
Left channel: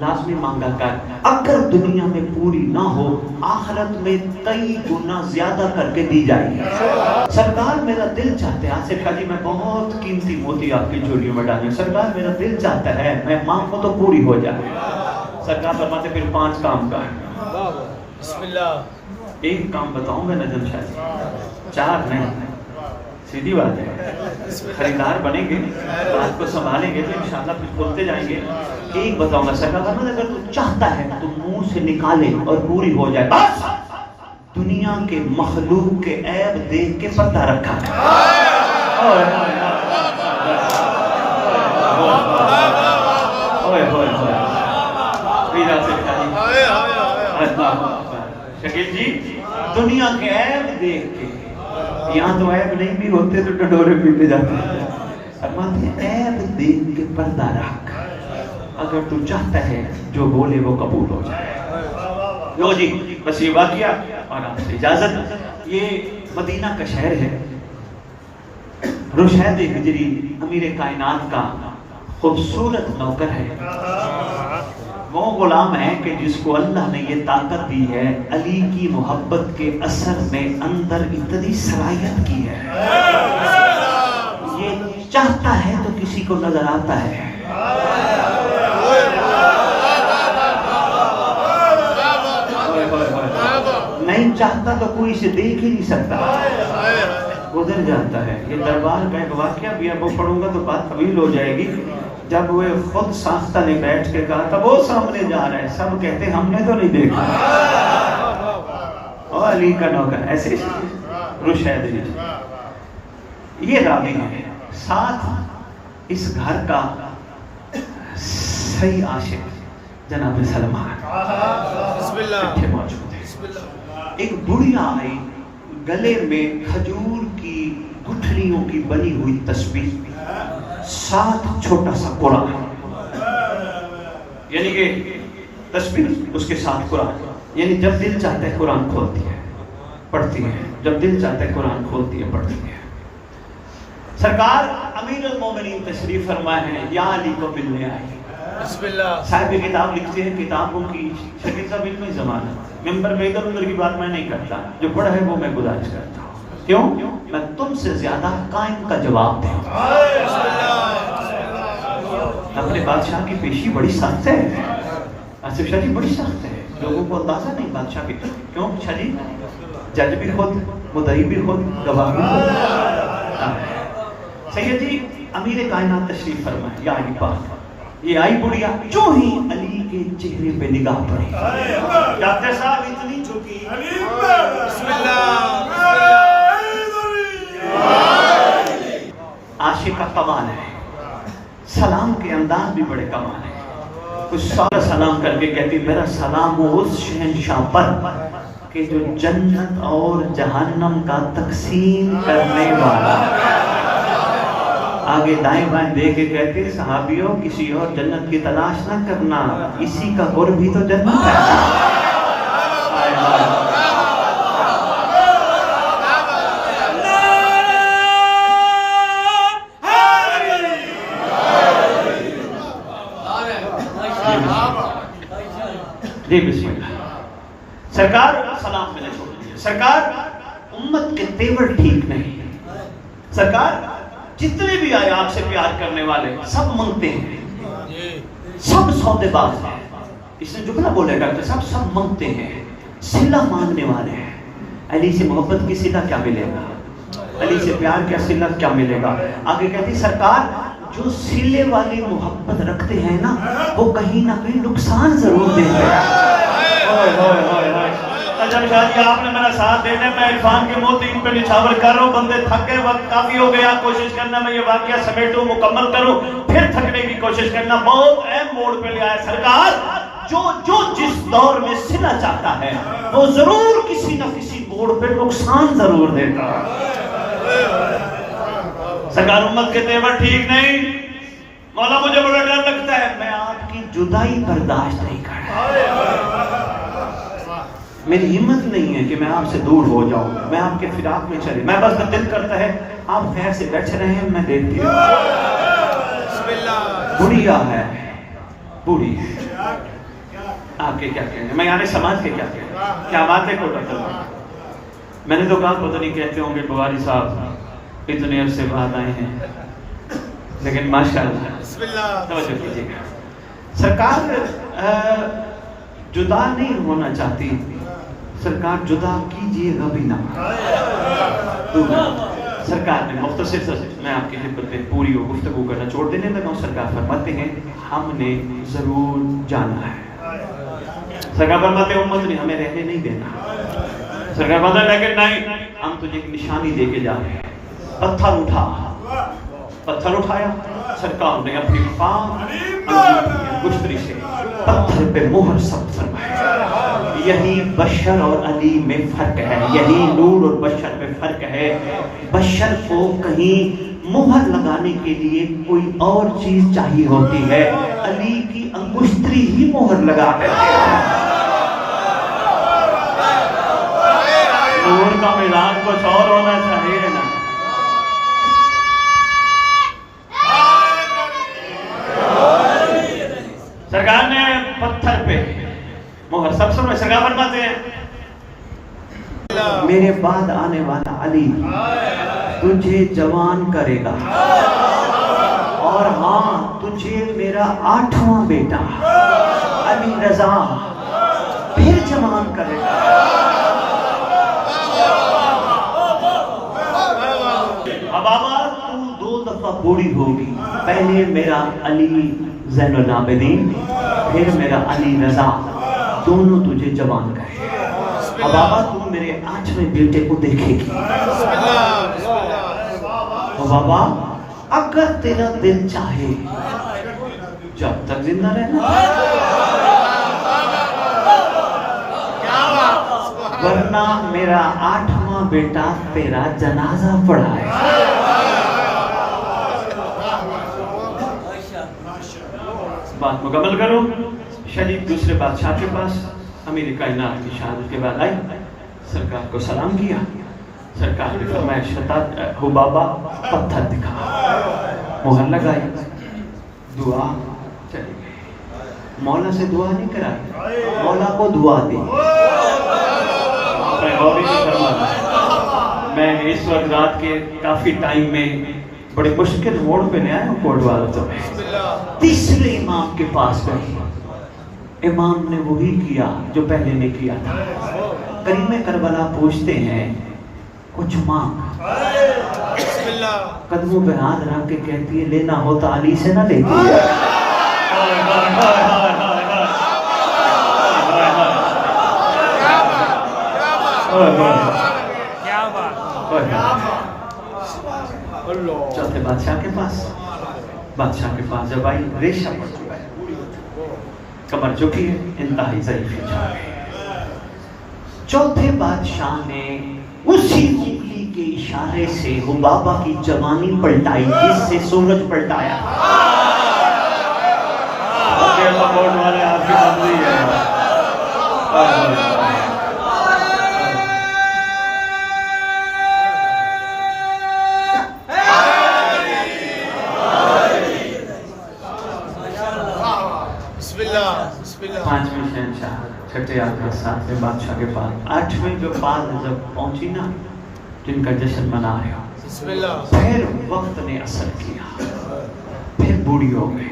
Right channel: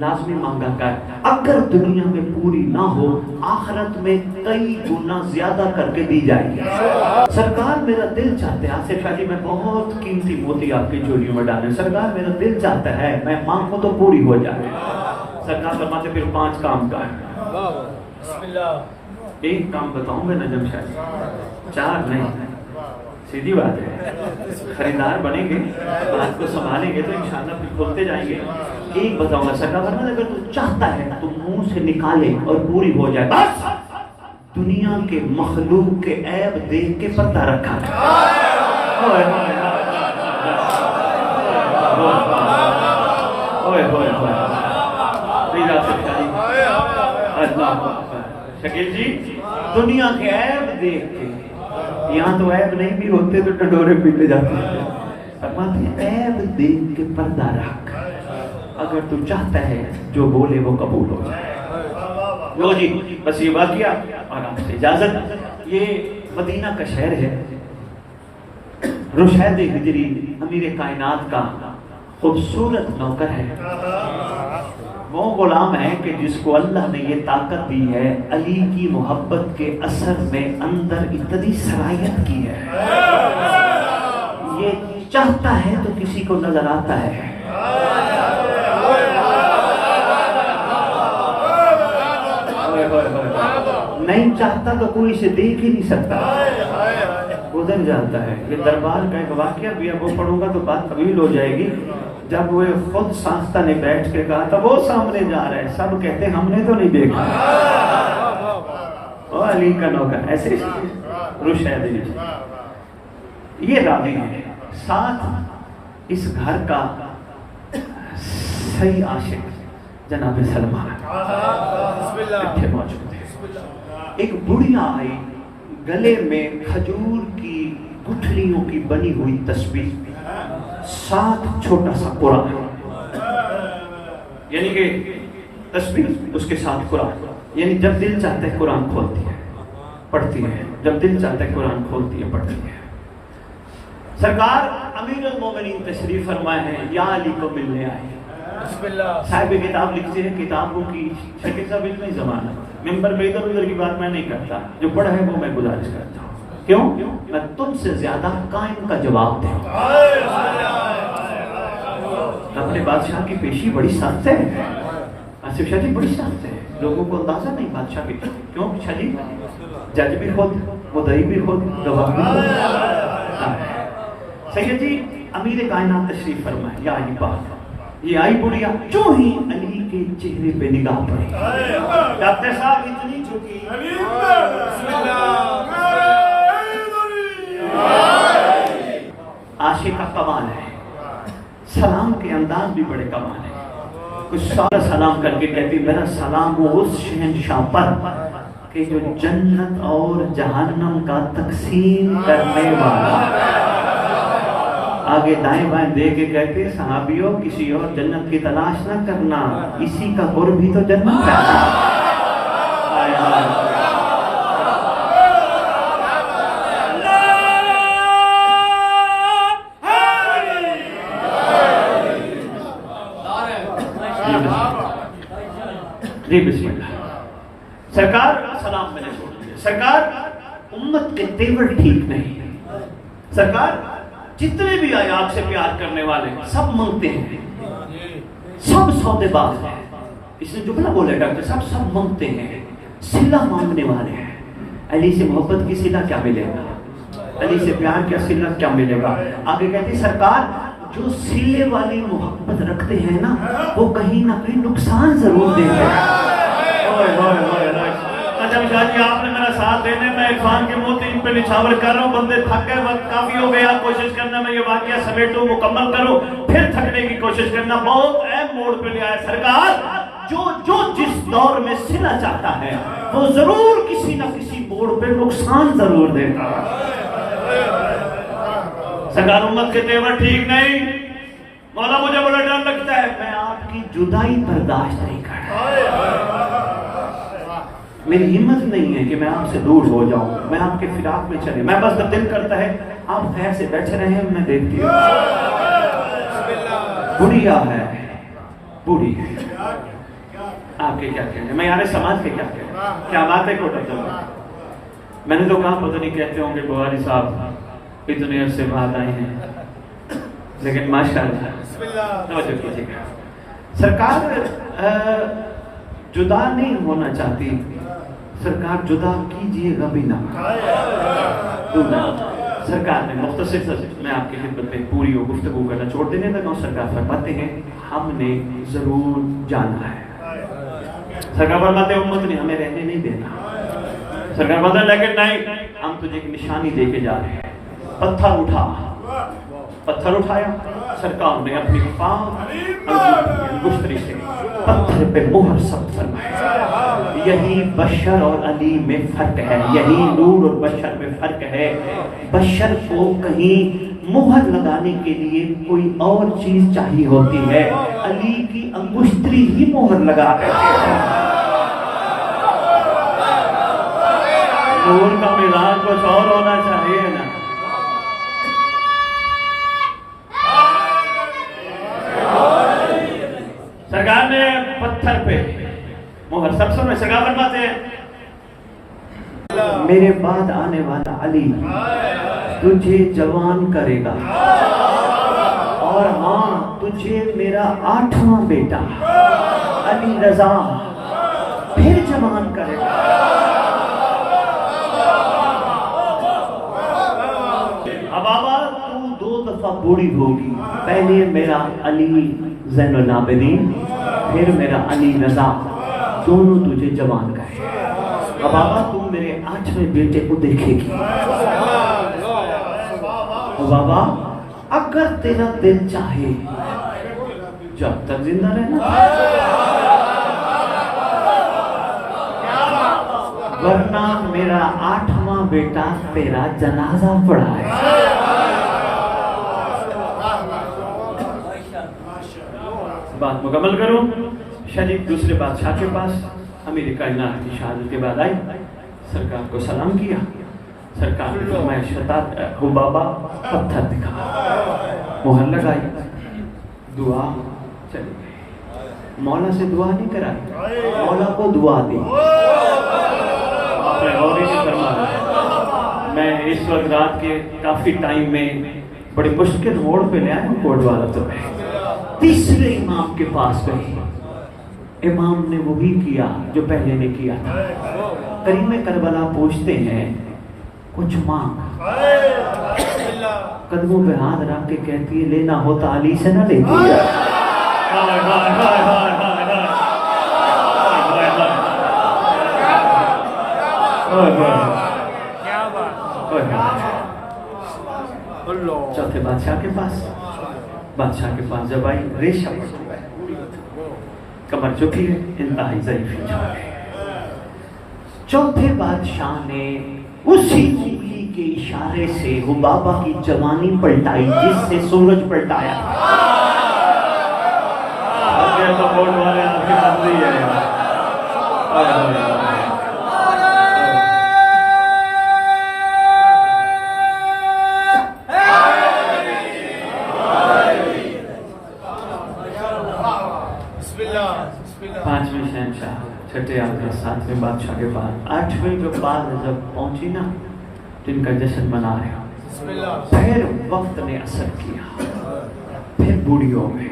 لازمی مانگا کر. اگر دنیا میں پوری نہ ہو آخرت میں کئی گنا زیادہ کر کے دی جائے گی. سرکار میرا دل چاہتا ہے آصف شاہ جی میں بہت قیمتی موتی آپ کی جوڑیوں میں ڈالیں. سرکار میرا دل چاہتا ہے میں مانگوں تو پوری ہو جائے. سرکار فرماتے پھر 5 کام کر. بسم اللہ. ایک کام بتاؤں گا نجم شاہ جی 4 نہیں. سیدھی بات ہے. خریدار بنیں گے آپ کو سنبھالیں گے تو انشاءاللہ پھر کھولتے جائیں گے. ایک بتاؤں گا سرکار اگر تو چاہتا ہے تو منہ سے نکالے اور پوری ہو جائے. بس دنیا کے مخلوق کے عیب دیکھ کے پتہ رکھا شکیل جی دنیا کے عیب دیکھ کے. یہاں تو عیب نہیں بھی ہوتے تو ڈنڈورے پیٹے جاتے ہیں. فرماتے ہیں عیب دیکھ کے پردہ رکھ. اگر تو چاہتا ہے جو بولے وہ قبول ہو جائے. لو جی بس یہ واقعہ اور آپ سے اجازت. یہ مدینہ کا شہر ہے. رشید ہجری امیر کائنات کا خوبصورت نوکر ہے. وہ غلام ہے کہ جس کو اللہ نے یہ طاقت دی ہے علی کی محبت کے اثر میں اندر اتنی صلاحیت کی ہے. یہ چاہتا ہے تو کسی کو نظر آتا ہے. نہیں چاہتا تو کوئی اسے دیکھ ہی نہیں سکتا. گزر جاتا ہے. یہ دربار کا ایک واقعہ بھی اب وہ پڑھوں گا تو بات طویل ہو جائے گی. جب وہ خود ساختہ نے بیٹھ کے کہا تھا وہ سامنے جا رہا ہے سب کہتے ہم نے تو نہیں دیکھا. اور علی کا نوکر ایسے رشید ہجری یہ راوی ہے. ساتھ اس گھر کا صحیح عاشق جناب سلمان موجود ہے. ایک بڑھیا آئی گلے میں کھجور کی گٹھلیوں کی بنی ہوئی تسبیح ساتھ چھوٹا سا قرآن یعنی کہ تسبیح اس کے ساتھ قرآن. یعنی جب دل چاہتا ہے قرآن کھولتی ہے پڑھتی ہے. جب دل چاہتا ہے قرآن کھولتی ہے پڑھتی ہے. سرکار امیر المومنین تشریف فرمائے ہیں یا علی کو ملنے آئے. بسم اللہ. صاحب کتاب لکھتے ہیں کتابوں کی شکل کا علم ہی زمانہ. ممبر پہ ادھر ادھر کی بات میں نہیں کرتا. جو پڑھا ہے وہ میں گزارش کرتا ہوں. کیوں؟ میں تم سے زیادہ قائم کا جواب دوں. اپنے بادشاہ کی پیشی بڑی سخت ہے. آصف شاہ جی بڑی سخت ہے. لوگوں کو اندازہ نہیں بادشاہ کی. کیوں شاہ جی جج بھی خود مدعی بھی خود گواہ بھی خود. سید جی امیر کائنات تشریف فرمائے یا علی پاک. یہ آئی بڑھیا جو ہی علی کے چہرے پہ نگاہ پڑی. ڈاکٹر صاحب اتنی چکی بسم اللہ. عاشق کا کمال ہے. سلام کے انداز بھی بڑے کمال ہے. کچھ سارا سلام کر کے کہتی میرا سلام ہو اس شہنشاہ پر کہ جو جنت اور جہنم کا تقسیم کرنے والا. آگے دائیں بائیں دے کے کہتے صحابیوں کسی اور جنت کی تلاش نہ کرنا اسی کا قرب ہی تو جنت ہے. جی بسم اللہ. سرکار سلام میں نے چھوڑ دیا. سرکار امت کے تیور ٹھیک نہیں. سرکار جتنے بھی آئے آپ سے پیار کرنے والے سب مانگتے ہیں. سب سودے باز ہیں. اس نے جملہ بولے ڈاکٹر صاحب سب مانگتے ہیں. صلہ مانگنے والے ہیں. علی سے محبت کی صلہ کیا ملے گا. علی سے پیار کا صلہ کیا ملے گا. آگے کہتی سرکار جو صلے والی محبت رکھتے ہیں نا وہ کہیں نہ کہیں نقصان ضرور دیں گے. آپ نے میرا ساتھ دینا. میں عرفان کے موتی ان پہ نچھاور کر رہا ہوں. بندے تھکے وقت کافی ہو گیا. کوشش کرنا میں یہ واقعہ سمیٹوں مکمل کروں پھر تھکنے کی کوشش کرنا. بہت اہم موڑ پہ لیا ہے. سرکار جو جس دور میں صلہ چاہتا ہے وہ ضرور کسی نہ کسی موڑ پہ نقصان ضرور دے گا۔ سرکار امت کے تیور ٹھیک نہیں، مولا مجھے بڑا ڈر لگتا ہے، میں آپ کی جدائی برداشت نہیں کر رہا، میری ہمت نہیں ہے کہ میں آپ سے دور ہو جاؤں، میں آپ کے فراق میں چلے، میں بس دل کرتا ہے آپ خیر سے بیٹھے رہے، میں دیکھتی ہوں۔ بڑھیا ہے، بڑھی ہے، آپ کے کیا کہنے، میں یعنی سماج کے کیا کہنے، کیا بات ہے کوئی پتہ نہیں۔ میں نے تو کہا پتہ نہیں کہتے ہوں گے بخاری صاحب اتنے عرصے بعد آئے ہیں، لیکن ماشاءاللہ توجہ کیجیے، سرکار جدا نہیں ہونا چاہتی، سرکار جدا کیجیے گا بھی نہ۔ سرکار نے مختصر سے میں آپ کی خدمت میں پوری گفتگو کرنا چھوڑ دینے لگا ہوں۔ سرکار فرماتے ہیں ہم نے ضرور جانا ہے، سرکار فرماتے ہیں امت نے ہمیں رہنے نہیں دینا، سرکار فرماتے ہیں لیکن نہیں، ہم تجھے ایک نشانی دے کے جا رہے ہیں، پتھر اٹھا، پتھر اٹھایا، سرکار نے اپنی گفتگو سے پتھر پہ مہر سب فرمایا۔ یہی بشر اور علی میں فرق ہے، یہی نور اور بشر میں فرق ہے۔ بشر کو کہیں مہر لگانے کے لیے کوئی اور چیز چاہیے ہوتی ہے، علی کی انگشتری ہی مہر لگا ہے۔ نور کا ملان کچھ اور ہونا چاہیے نا۔ سرکار نے پتھر پہ مہر سب میں سرکار فرماتے ہیں میرے بعد آنے والا علی تجھے جوان کرے گا، اور ہاں تجھے میرا 8واں بیٹا علی رضا پھر جوان کرے گا۔ اب بابا تو 2 دفعہ بوڑھی ہوگی، پہلے میرا علی زین العابدین پھر میرا علی رضا، دونوں تجھے جوان کرے۔ اب بابا تو میرے 8ویں بیٹے کو دیکھے گی، بابا اگر تیرا دل چاہے جب تک زندہ رہنا، ورنہ میرا 8واں بیٹا تیرا جنازہ پڑھائے۔ بات مکمل کرو، شریف دوسرے بادشاہ کے پاس امیر کائنات کی شہادت کے بعد آئے، سرکار کو سلام کیا، سرکار نے فرمایا شتات ہو بابا، پتھر دکھا، مہر لگائی، دعا چلی گئی، مولا سے دعا نہیں کرائی، مولا کو دعا دی۔ آپ نے غور نہیں فرما رہا، میں اس وقت رات کے کافی ٹائم میں بڑے مشکل موڑ پہ لے آیا ہوں کوٹ والا تو تیسرے امام کے پاس گئے، امام نے وہی کیا جو پہلے نے کیا تھا۔ کریم کربلا پوچھتے ہیں کچھ مانگ، قدموں پہ ہاتھ رکھ کے کہتی ہے لینا ہوتا علی سے نہ لیتی ہے۔ چوتھے بادشاہ کے پاس جب آئی، ریشہ پڑ چکا ہے، کمر جھکی ہے، انتہائی ضعیف ہے۔ چوتھے بادشاہ نے اسی انگلی کے اشارے سے حبابہ کی جوانی پلٹائی جس سے سورج پلٹایا۔ پانچویں شہنشاہ چھٹے آدھے 7ویں بادشاہ کے بعد 8ویں جو بعد جب پہنچی نا، جن کا جشن منا رہا، پھر وقت نے اثر کیا، پھر بوڑھی ہو گئی۔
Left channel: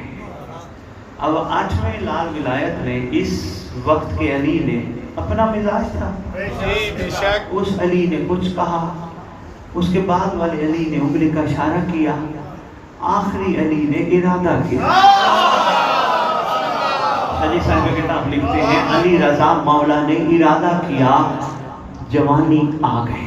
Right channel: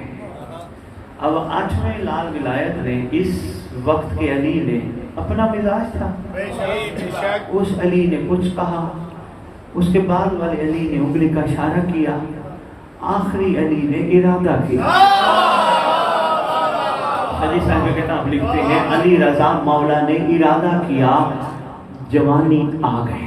اب 8ویں لال ولایت نے اس وقت کے علی نے اپنا مزاج تھا، اس علی نے کچھ کہا، اس کے بعد والے علی نے انگلی کا اشارہ کیا، آخری علی نے ارادہ کیا۔ حدیث صاحب کتاب لکھتے ہیں علی رضا مولا نے ارادہ کیا، جوانی آ گئے۔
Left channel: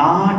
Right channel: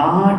8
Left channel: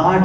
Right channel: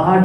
8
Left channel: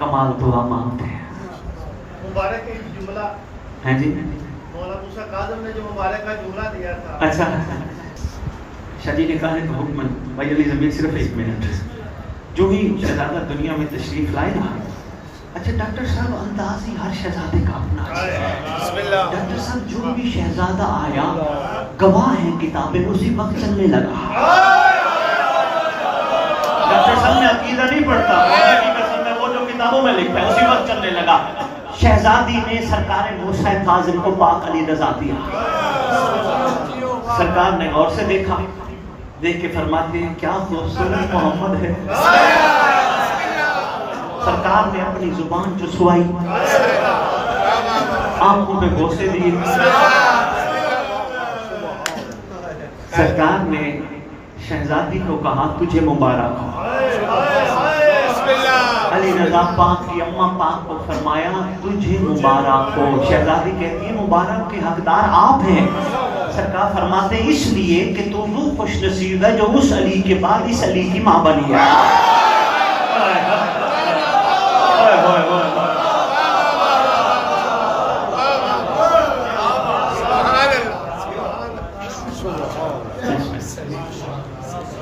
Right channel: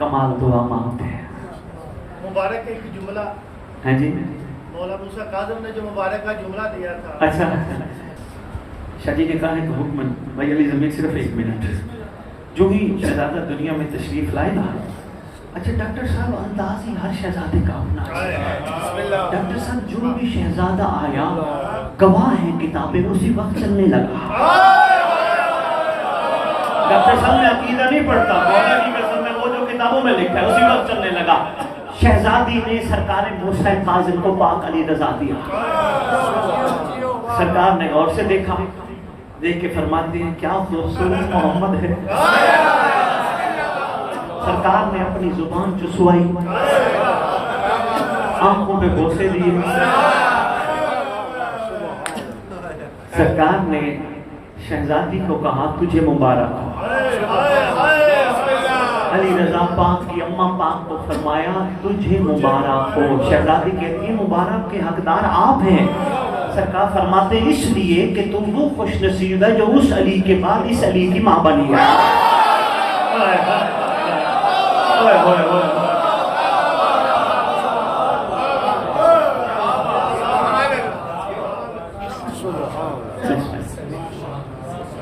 کمال دعا مانگتے ہیں. مبارک ایک جملہ ہیں جی مولانا موسیٰ کاظم نے جو مبارک کا جملہ دیا تھا. اچھا شادی نکاح ہے تو حکم بھائی علی زمین صرف 1 منٹ. جو ہی شہزادہ دنیا میں تشریف لائے نا, اچھا ڈاکٹر صاحب انداز ہی ہر شہزادے کا اپنا ہے. ڈاکٹر صاحب جو بھی شہزادہ آیا گواہ ہیں کتابیں اسی وقت چلنے لگا. ڈاکٹر صاحب نے عقیدہ نہیں پڑھتا, مولا کی قسم ہے وہ جو کتابوں میں لکھتا ہے اسی وقت چلنے لگا. شہزادی نے سرکار موسیٰ کاظم کو پاک علی رضا دیا. سرکار نے غور سے دیکھا, دیکھ کے فرماتے ہیں کیا خوبصورت محمد ہے. سرکار نے اپنی زبان چسوائی, آنکھوں پہ بوسے دیے. سرکار نے شہزادی کو کہا تجھے مبارک ہو. علی رضا پاک کی اماں پاک کو فرمایا تجھے مبارک ہو. شہزادی کہتی ہے مبارک کے حقدار آپ ہیں. سرکار فرماتے ہیں اس لیے کہ تو وہ خوش نصیب ہے جو اس علی کے بعد اس علی کی ماں بنی ہے.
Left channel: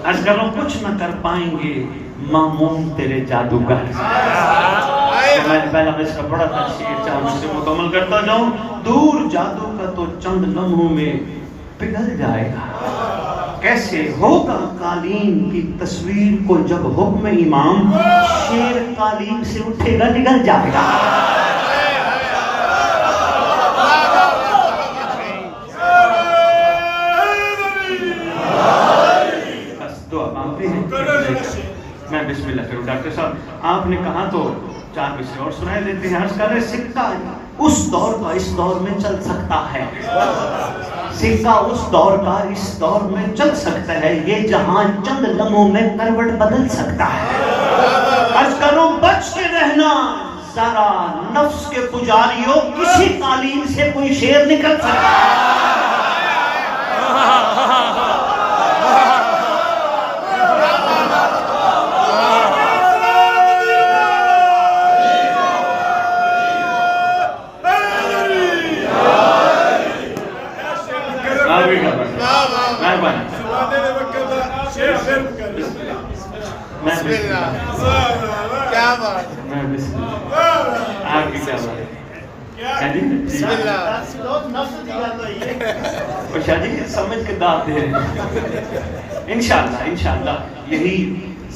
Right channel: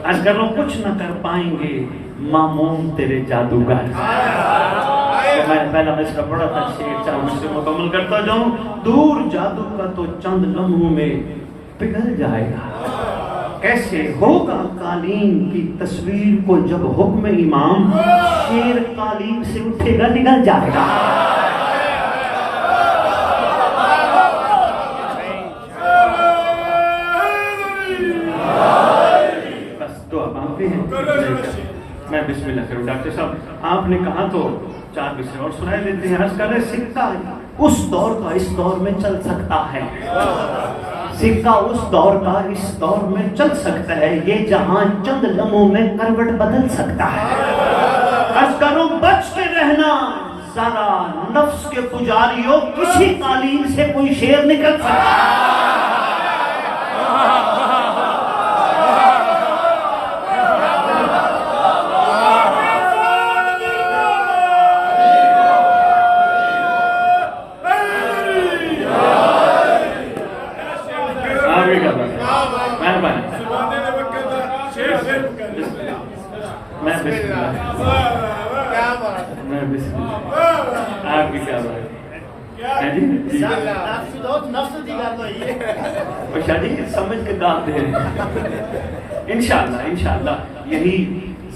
اگر وہ کچھ نہ کر پائیں گے مامون تیرے جادوگر. میں پہلا مصرع پڑھا تھا, شعر چاہے مجھ سے مکمل کرتا جاؤں. دور جادو کا تو چند لمحوں میں پگھل جائے گا. کیسے ہوگا قالین کی تصویر کو جب حکم امام شیر قالین سے اٹھے گا نگل جائے گا. میں بسم اللہ کروں. ڈاکٹر صاحب آپ نے کہا تو 4 مصرع اور سنائے لیتے ہیں. عرض کر رہے سکہ اس دور کا اس دور میں چل سکتا ہے. سکہ اس دور کا اس دور میں چل سکتا ہے. یہ جہاں چند لمحوں میں کروٹ بدل سکتا ہے. عرض کروں بچ کے رہنا ذرا نفس کے پجاریوں, کسی تعلیم سے کوئی شیر نکل سکتا ہے. سمجھ کے داد دے انشاءاللہ یہی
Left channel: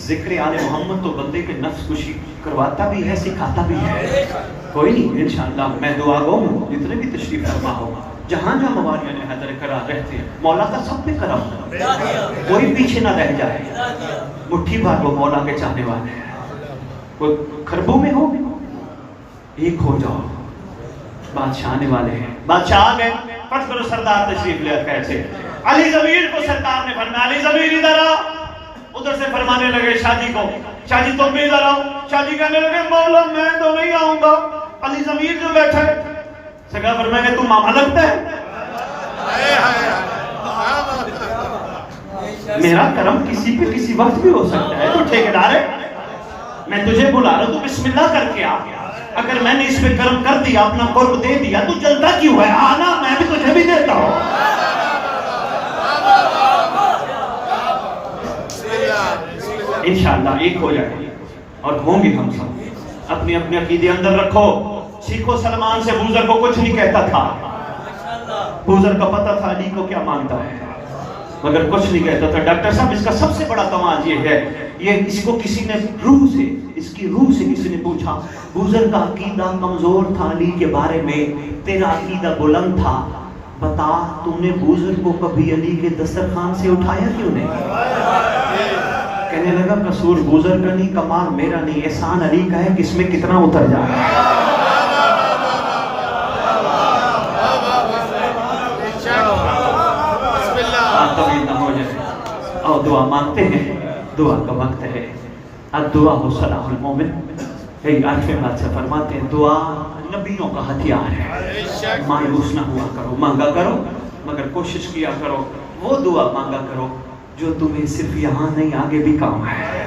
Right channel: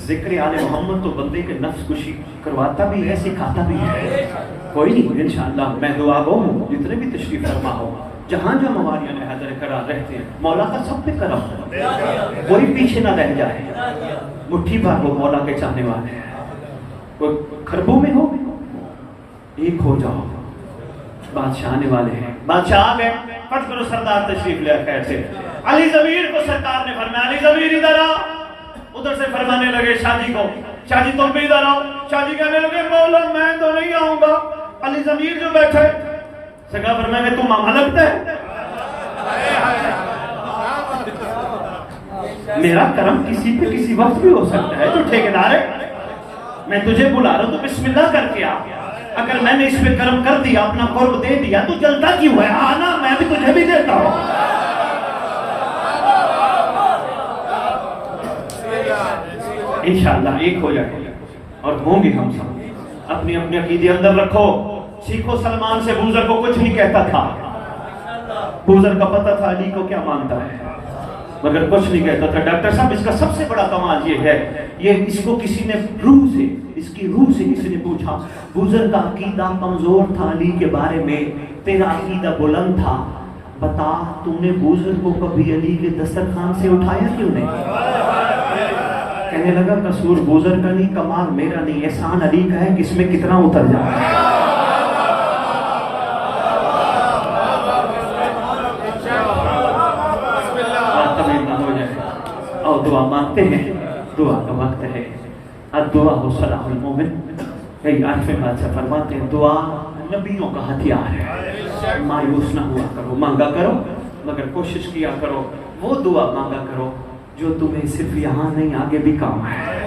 ذکر آل محمد تو بندے کے نفس کشی کرواتا بھی ہے, سکھاتا بھی ہے. کوئی نہیں انشاءاللہ میں دعا گو ہوں اتنے بھی تشریف فرما ہو. جہاں جو موالیہ میں حضر قرار رہتے ہیں مولا کا سب پہ کرم ہو, کوئی پیچھے نہ رہ جائے. مٹھی بھر وہ مولا کے چاہنے والے ہیں. کوئی کھربوں میں ہو ایک ہو جاؤ. بادشاہ آنے والے ہیں, بادشاہ آ گئے. فرض کرو سردار تشریف لے کیسے علی ضمیر کو سرکار نے فرمایا علی ضمیر ادھر آ. ادھر سے فرمانے لگے شادی کو, شادی تم بھی ادھر آؤ. شادی کہنے لگے مولا میں تو نہیں آؤں گا. علی ضمیر جو بیٹھے سرکار فرمایا کہ تم ماما لگتا ہے. میرا کرم کسی پہ کسی وقت بھی ہو سکتا ہے. تو ٹھیکیدار ہے میں تجھے بلا رہا ہوں, تو بسم اللہ کر کے آ. اگر میں نے اس پہ کرم کر دیا, اپنا قرب دے دیا, تو جلتا کیوں ہے؟ آنا میں بھی تجھے بھی دیتا ہوں. انشاءاللہ ایک ہو جائے اور ہوں گے ہم سب. اپنی اپنی عقیدے اندر رکھو. سیکھو سلمان سے بوزر کو کچھ نہیں کہتا تھا. بوزر کا پتہ تھا علی کو کیا مانتا ہے, مگر کچھ نہیں کہتا تھا. ڈاکٹر صاحب اس کا سب سے بڑا کمال یہ ہے, یہ اس کو کسی نے روح سے, اس کی روح سے کسی نے پوچھا بوزر کا عقیدہ کمزور تھا علی کے بارے میں, تیرا عقیدہ بلند تھا, بتا تم نے بوزر کو کبھی علی کے دسترخوان سے اٹھایا کیوں نہیں؟ کہنے لگا قصور بوزر کا نہیں, کمال میرا نہیں, احسان علی کا ہے کہ اس میں کتنا اتر جائے. اور دعا مانگتے ہیں, دعا کا وقت ہے. الدعا ہو سلام المومن. کئی آٹھویں بادشاہ فرماتے ہیں دعا نبیوں کا ہتھیار ہے. مایوس نہ ہوا کرو, مانگا کرو, مگر کوشش کیا کرو وہ دعا مانگا کرو جو تمہیں صرف یہاں نہیں آگے بھی کام ہے.